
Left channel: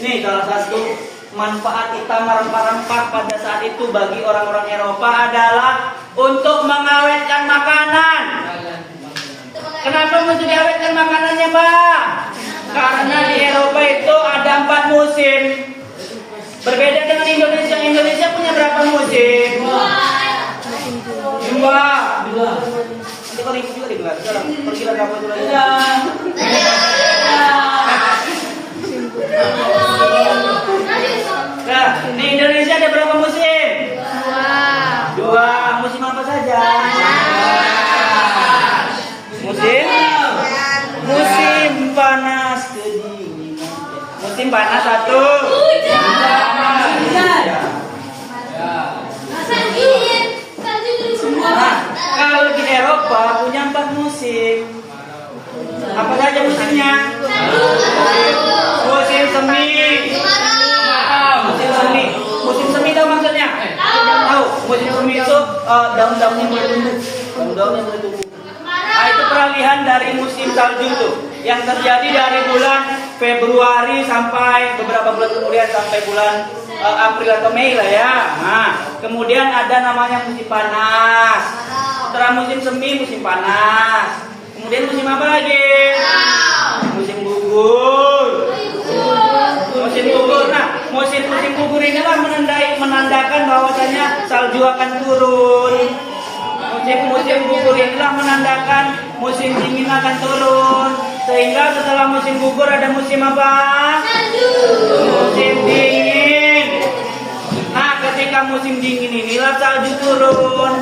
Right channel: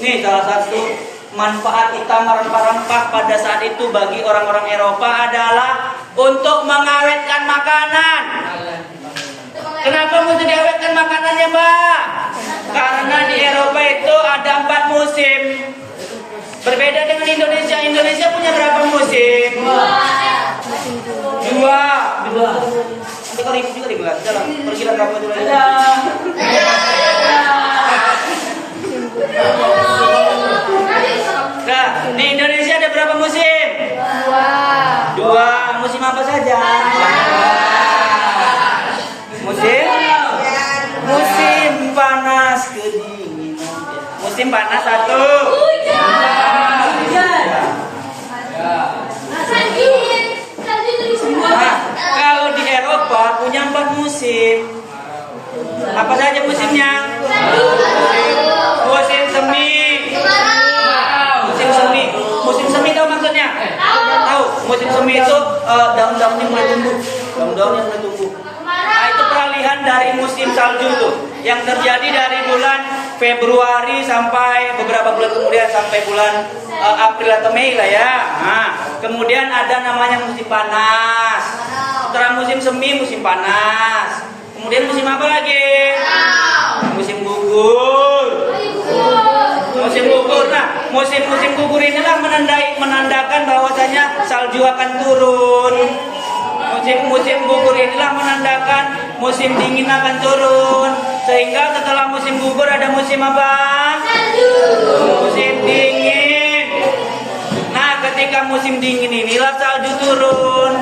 Ini salah satu manfaat utama rempah-rempah pada saat itu bagi orang-orang Eropa adalah untuk mengawetkan makanan. Kenapa mesti diawetkan makanannya, Mbak? Karena di Eropa itu ada 4 musim. Berbeda dengan Indonesia. Indonesia punya berapa musim? 2. Nanti kau ribut juga di kelas. Jalan, pergilah kamu itu lagi. Nah, di Indonesia ada berapa musim? 2. Musim apa saja? Musim panas kedinginan. Musim panas 1. Nah, kalau di Eropa punya 4 musim. Apa saja musimnya? Musim semi. Musim semi tahu maksudnya? Tahu. Musim semi itu daun-daunnya mulai tumbuh. Nah, itu peralihan dari musim salju tuh, yang terjadi dari bulan Februari sampai beberapa bulan kemudian sampai bulan April atau Mei lah ya. Nah, kemudian ada namanya musim panas. Setelah musim semi, musim panas. Kemudian musim apa lagi? Musim gugur. Nah, musim gugur inilah menandakan bahwasanya salju akan turun. Musim gugur inilah menandakan musim dingin akan turun. Sehingga setelah musim gugur ada musim apa? Musim dingin. Nah, ketika musim dingin inilah salju turun.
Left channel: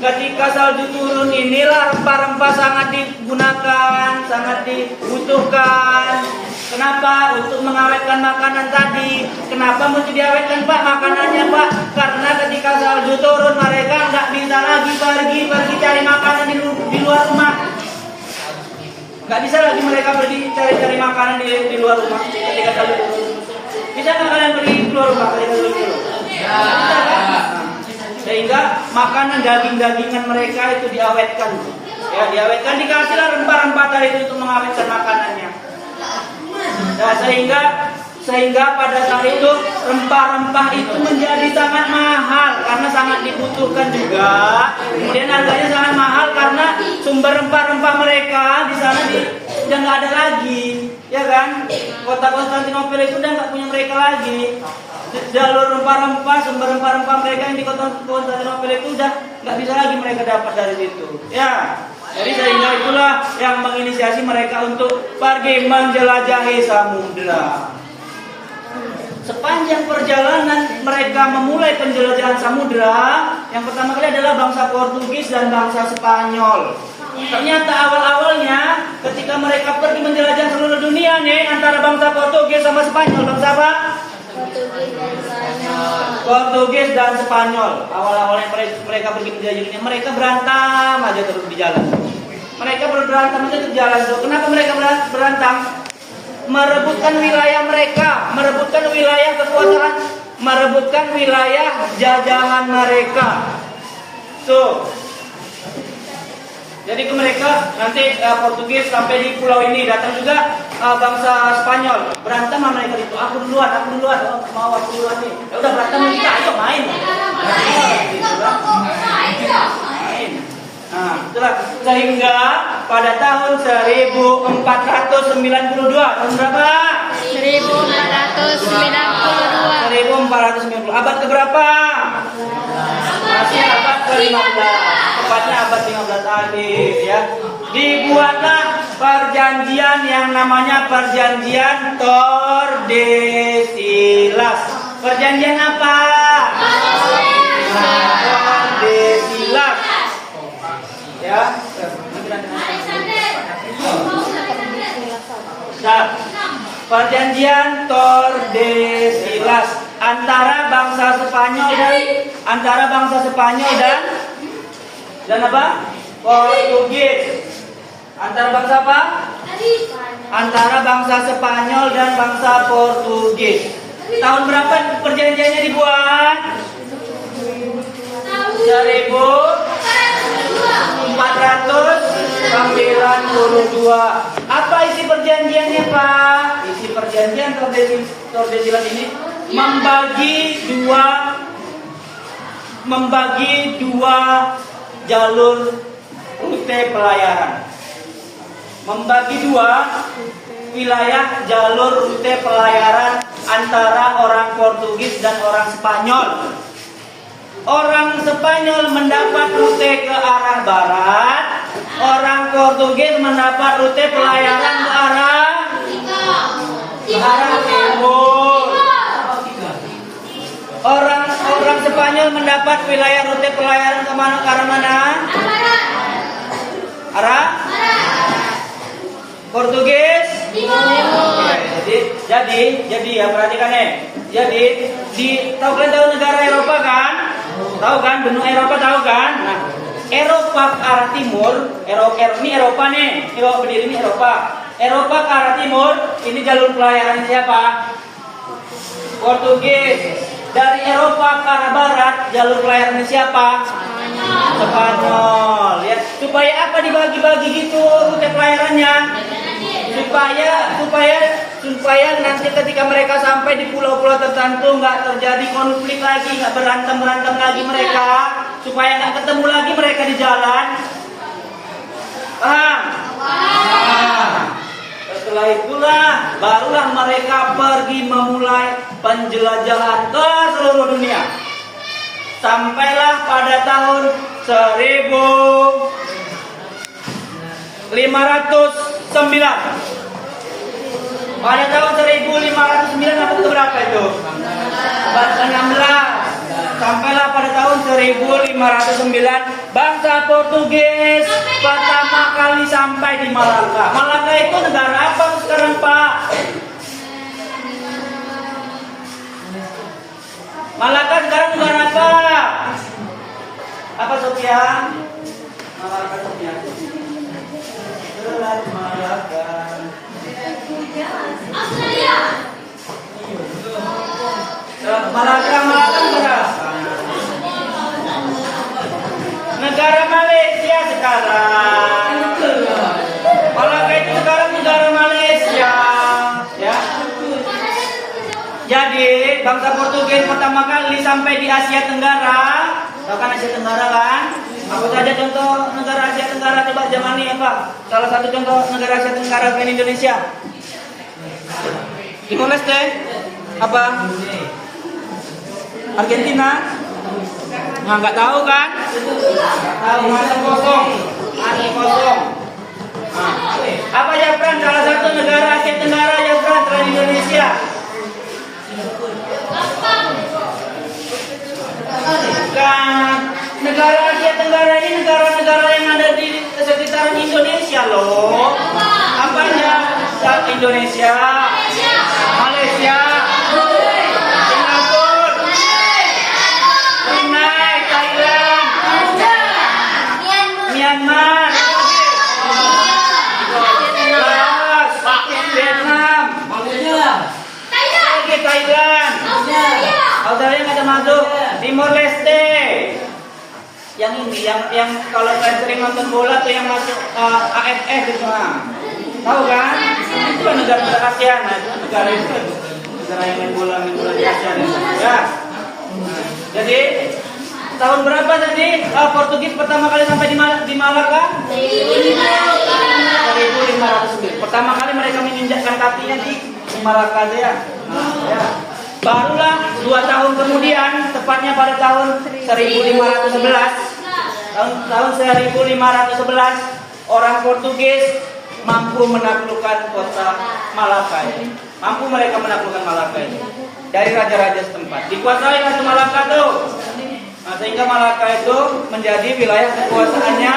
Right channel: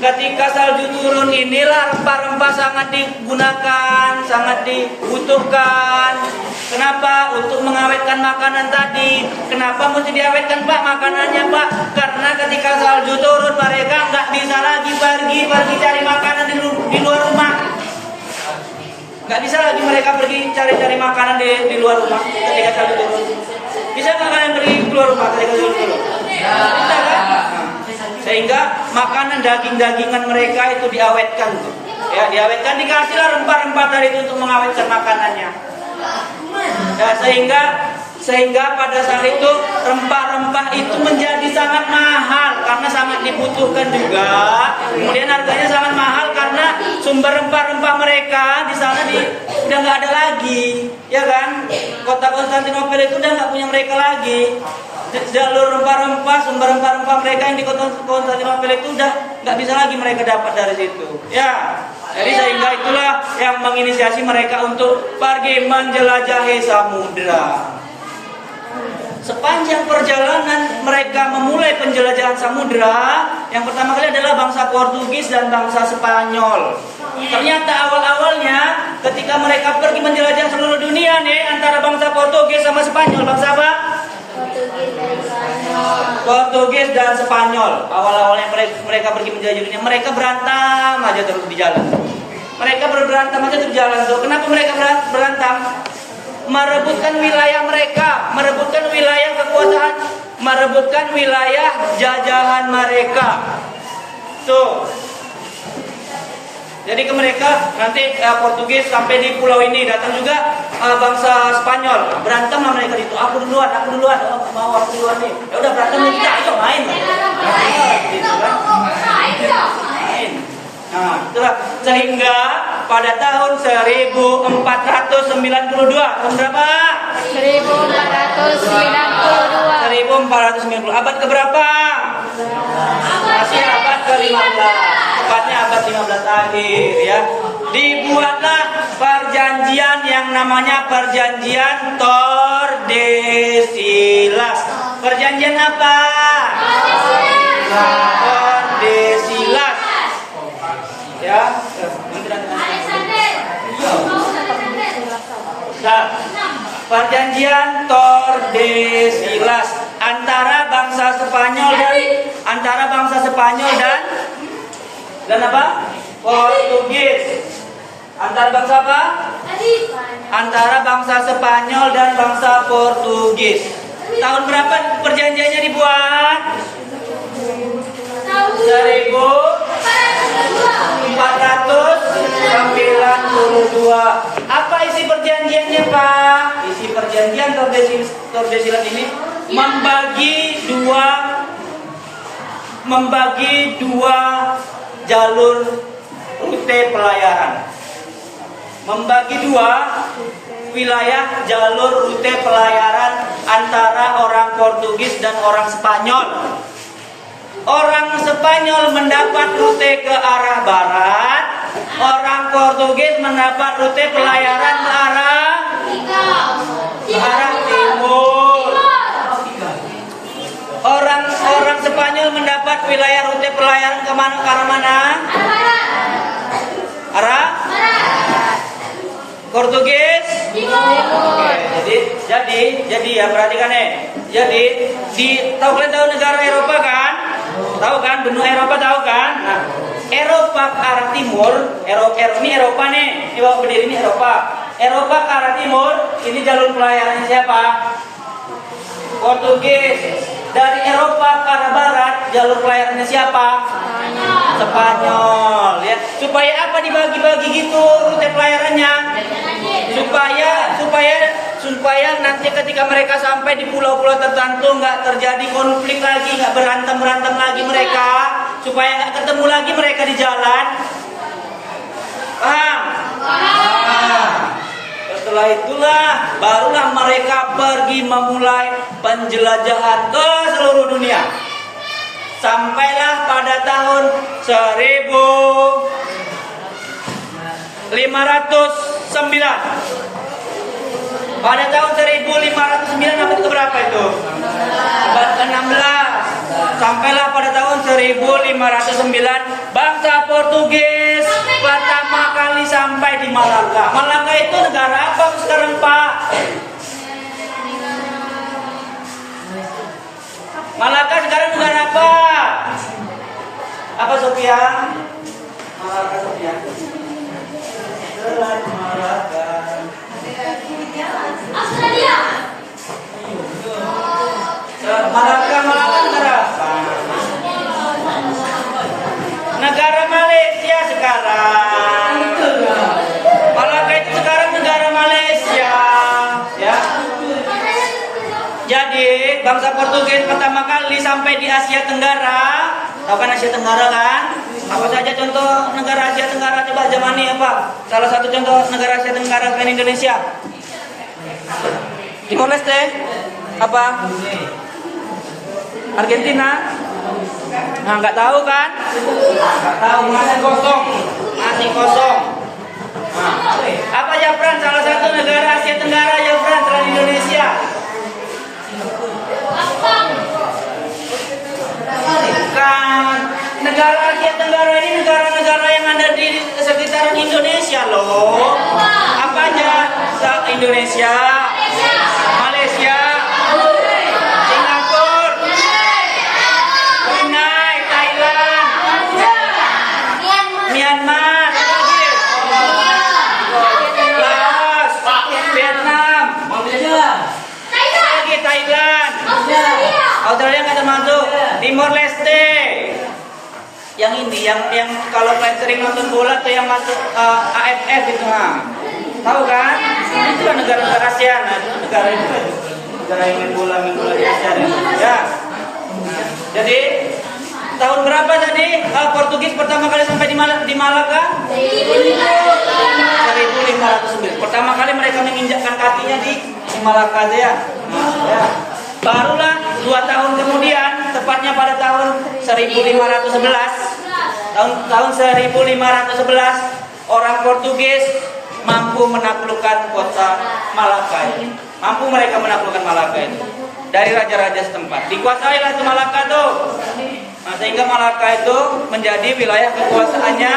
Ketika salju turun inilah rempah-rempah sangat digunakan, sangat dibutuhkan. Kenapa? Untuk mengawetkan makanan tadi. Kenapa mesti diawetkan, Pak, makanannya, Pak? Karena ketika salju turun mereka nggak bisa lagi pergi cari makanan di luar rumah. Nggak bisa lagi mereka pergi cari makanan di luar rumah ketika salju turun. Bisa nggak kalian pergi keluar rumah ketika salju turun? Bisa kan? Sehingga makanan daging-dagingan mereka itu diawetkan, ya, diawetkan, dikasihlah rempah-rempah tadi itu untuk mengawetkan makanannya. Nah, sehingga pada saat itu rempah-rempah itu menjadi sangat mahal karena sangat dibutuhkan juga. Kemudian harganya sangat mahal karena sumber rempah-rempah mereka di sana udah nggak ada lagi, ya kan? Kota Konstantinopel itu udah nggak punya mereka lagi. Jalur rempah-rempah, sumber rempah-rempah mereka yang di kota Konstantinopel itu udah nggak bisa lagi mereka dapat dari situ. Ya, jadi sehingga itulah yang menginisiasi mereka untuk pergi menjelajahi samudra. Sepanjang perjalanan mereka memulai penjelajahan samudra, yang pertama kali adalah bangsa Portugis dan bangsa Spanyol. Ternyata awal-awalnya ketika mereka pergi menjelajah seluruh dunia nih, antara bangsa Portugis sama Spanyol, bangsa apa? Portugis dan Spanyol. Awal-awalnya mereka pergi menjelajah dunia, mereka berantem aja terus di jalan. Mereka berantem aja terus jalan tuh. Kenapa mereka berantem? Merebutkan wilayah mereka, merebutkan wilayah kekuasaan, merebutkan wilayah jajahan mereka. Tuh. Jadi ke mereka nanti Portugis sampai di pulau ini, datang juga bangsa Spanyol, berantem lah mereka itu. Aku duluan, oh, mau aku duluan nih. Ya udah berantem kita, ayo main. Gitu kan? Main. Nah, itulah sehingga pada tahun 1492, tahun berapa? 1490. Abad keberapa? Masih abad ke-15. Tepatnya abad 15 akhir, ya. Dibuatlah perjanjian yang namanya Perjanjian Tordesillas. Perjanjian apa? Tordesillas. Ya. Nah, Perjanjian Tordesillas antara bangsa Spanyol dan apa? Portugis. Antara bangsa apa? Antara bangsa Spanyol dan bangsa Portugis. Tahun berapa perjanjiannya dibuat? 1492. Apa isi perjanjiannya, Pak? Isi perjanjian Tordesillas ini membagi dua jalur rute pelayaran. Membagi dua wilayah jalur rute pelayaran antara orang Portugis dan orang Spanyol. Orang Spanyol mendapat rute ke arah barat, orang Portugis mendapat rute pelayaran ke arah timur. Orang Spanyol mendapat wilayah rute pelayaran ke arah mana? Arah Portugis. Jadi ya perhatikan Jadi tahu kalian tahu negara Eropa kan? Tahu kan benua Eropa tahu kan? Nah, Eropa ke arah timur, ini Eropa nih. Ini bawa berdiri ini Eropa. Eropa ke arah timur, ini jalur pelayaran siapa? Portugis. Dari Eropa ke arah barat, jalur pelayarannya siapa? Spanyol. Ya, supaya apa dibagi-bagi gitu rute pelayarannya? Supaya nanti ketika mereka sampai di pulau-pulau tertentu nggak terjadi konflik lagi, nggak berantem lagi mereka, supaya nggak ketemu lagi mereka di jalan. Paham? Setelah itulah barulah mereka pergi memulai penjelajahan ke seluruh dunia. Sampailah pada tahun 1509. Pada tahun 1509 abad keberapa itu? Abad ke-16. Sampailah pada tahun 1509 bangsa Portugis pertama kali sampai di Malaka. Malaka itu negara apa sekarang, Pak? Malaka sekarang negara apa? Apa, Sofia? Malaka, Sofia. Selat Malaka. Australia. Malaka negara apa? Negara Malaysia sekarang. Malaka itu sekarang negara Malaysia, ya. Jadi bangsa Portugis pertama kali sampai di Asia Tenggara. Tahu kan Asia Tenggara kan? Apa saja contoh negara Asia Tenggara coba zaman ini apa? Salah satu contoh negara Asia Tenggara kan Indonesia. Timor Leste apa? Argentina? Nah, nggak tahu kan? Nggak tahu, masih kosong. Nah, apa Japran? Salah satu negara Asia Tenggara Japran selain Indonesia. Bukan. Negara Asia Tenggara ini negara-negara yang ada di sekitaran Indonesia loh. Apa aja? Indonesia, Malaysia, Singapura, Brunei, Thailand, Myanmar, Laos, Vietnam, lagi Thailand, Australia nggak termasuk, Timor Leste. Yang ini, yang kalau kalian sering nonton bola tuh yang masuk AFF itu, tahu kan? Itu kan negara-negara ASEAN, nah itu negara yang main bola di ASEAN itu, ya. Nah, jadi tahun berapa tadi Portugis pertama kali sampai di Malaka? 1509. Pertama kali mereka menginjakkan kakinya di Malaka ya. Nah, ya. Barulah 2 tahun kemudian, tepatnya pada tahun 1511, tahun 1511 orang Portugis mampu menaklukkan kota Malaka ini. Mampu mereka menaklukkan Malaka ini dari raja-raja setempat. Dikuasailah itu Malaka tuh. Nah, sehingga Malaka itu menjadi wilayah kekuasaannya.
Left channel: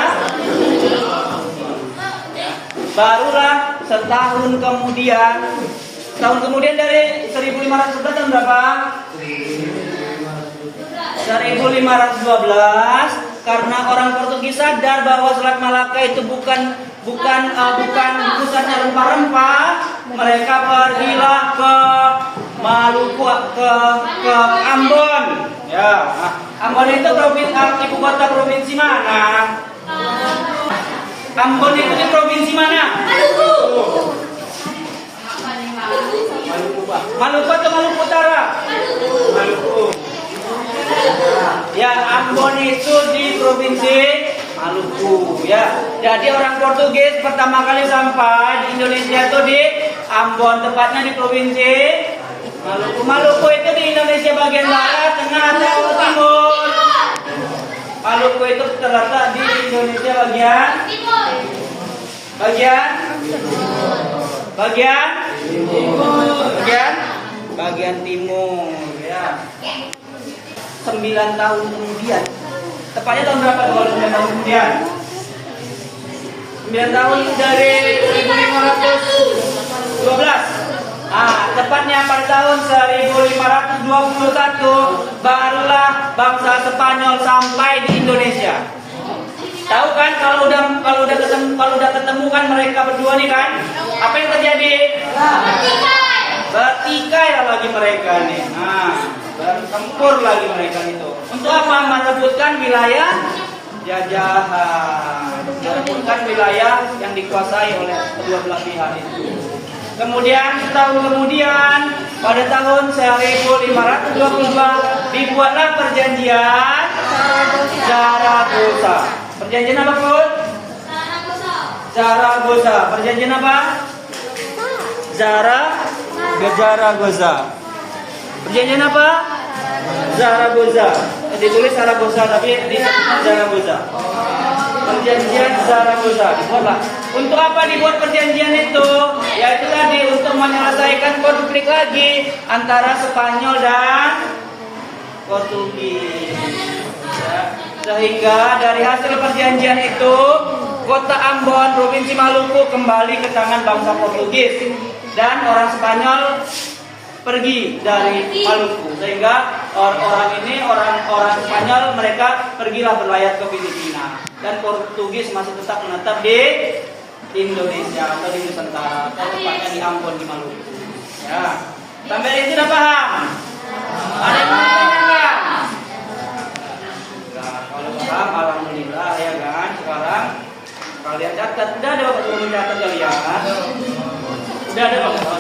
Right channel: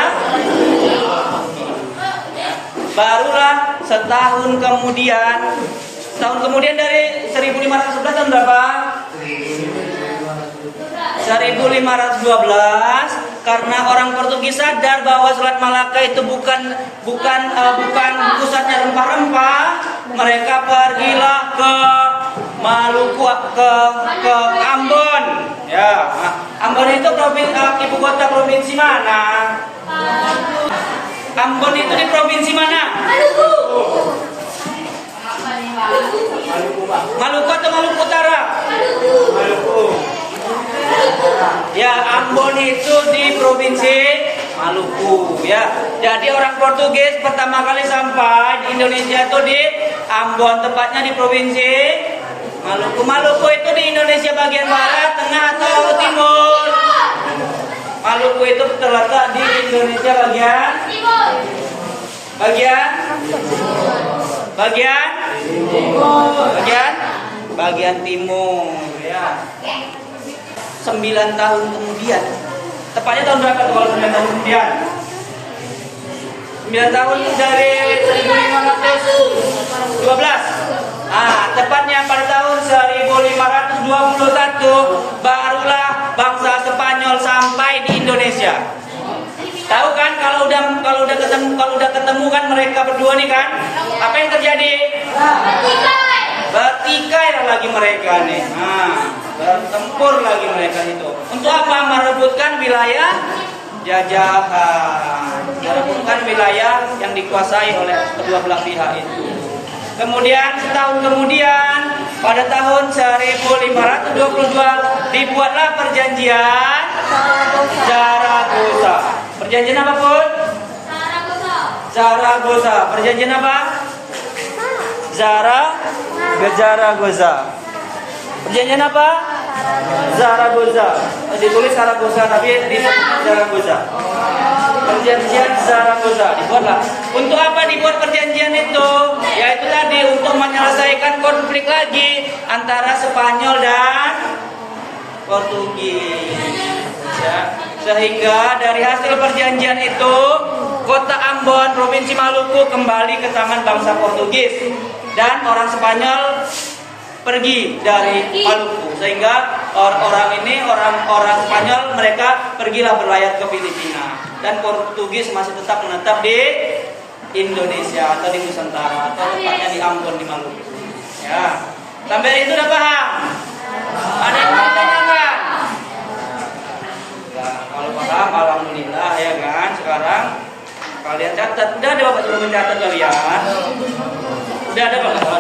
Barulah setahun kemudian dari 1511 tahun berapa? 1512, karena orang Portugis sadar bahwa Selat Malaka itu bukan pusatnya rempah-rempah, mereka pergilah ke Maluku, ke Ambon. Ya, Ambon itu ibu kota provinsi mana? Ambon itu di provinsi mana? Maluku atau Maluku Utara? Maluku. Ya, Ambon itu di provinsi Maluku, ya. Jadi orang Portugis pertama kali sampai di Indonesia itu di Ambon, tepatnya di provinsi Maluku. Maluku itu di Indonesia bagian barat, tengah atau timur? Maluku itu terletak di Indonesia bagian bagian timur ya. 9 tahun kemudian, tepatnya tahun berapa tuh kalau 9 tahun kemudian? 9 tahun dari 1512. Tepatnya pada tahun 1521 barulah bangsa Spanyol sampai di Indonesia. Tahu kan kalau udah ketemu kan mereka berdua nih kan, apa yang terjadi? Bertikai lagi mereka nih. Bertempur lagi mereka itu. Untuk apa? Merebutkan wilayah jajahan, merebutkan wilayah yang dikuasai oleh kedua belah pihak itu. Kemudian setahun kemudian pada tahun 1522 dibuatlah perjanjian Zaragoza. Perjanjian apa pun? Zaragoza. Perjanjian apa? Zaragoza. Perjanjian apa? Zaragoza. Ditulis Zaragoza tapi di Zaragoza. Perjanjian Zaragoza dibuatlah. Untuk apa dibuat perjanjian itu? Yaitu tadi untuk menyelesaikan konflik lagi antara Spanyol dan Portugis. Ya. Sehingga dari hasil perjanjian itu kota Ambon, provinsi Maluku kembali ke tangan bangsa Portugis dan orang Spanyol pergi dari Maluku, sehingga orang Spanyol mereka pergilah berlayar ke Filipina dan Portugis masih tetap menetap di Indonesia atau di Nusantara atau tepatnya di Ambon di Maluku. Ya, sampai itu udah paham? Ada yang mau ditanyakan? Nah, kalau paham, alhamdulillah ya kan. Sekarang kalian catat, udah ada bapak cuma mencatat kalian? Udah ada bapak?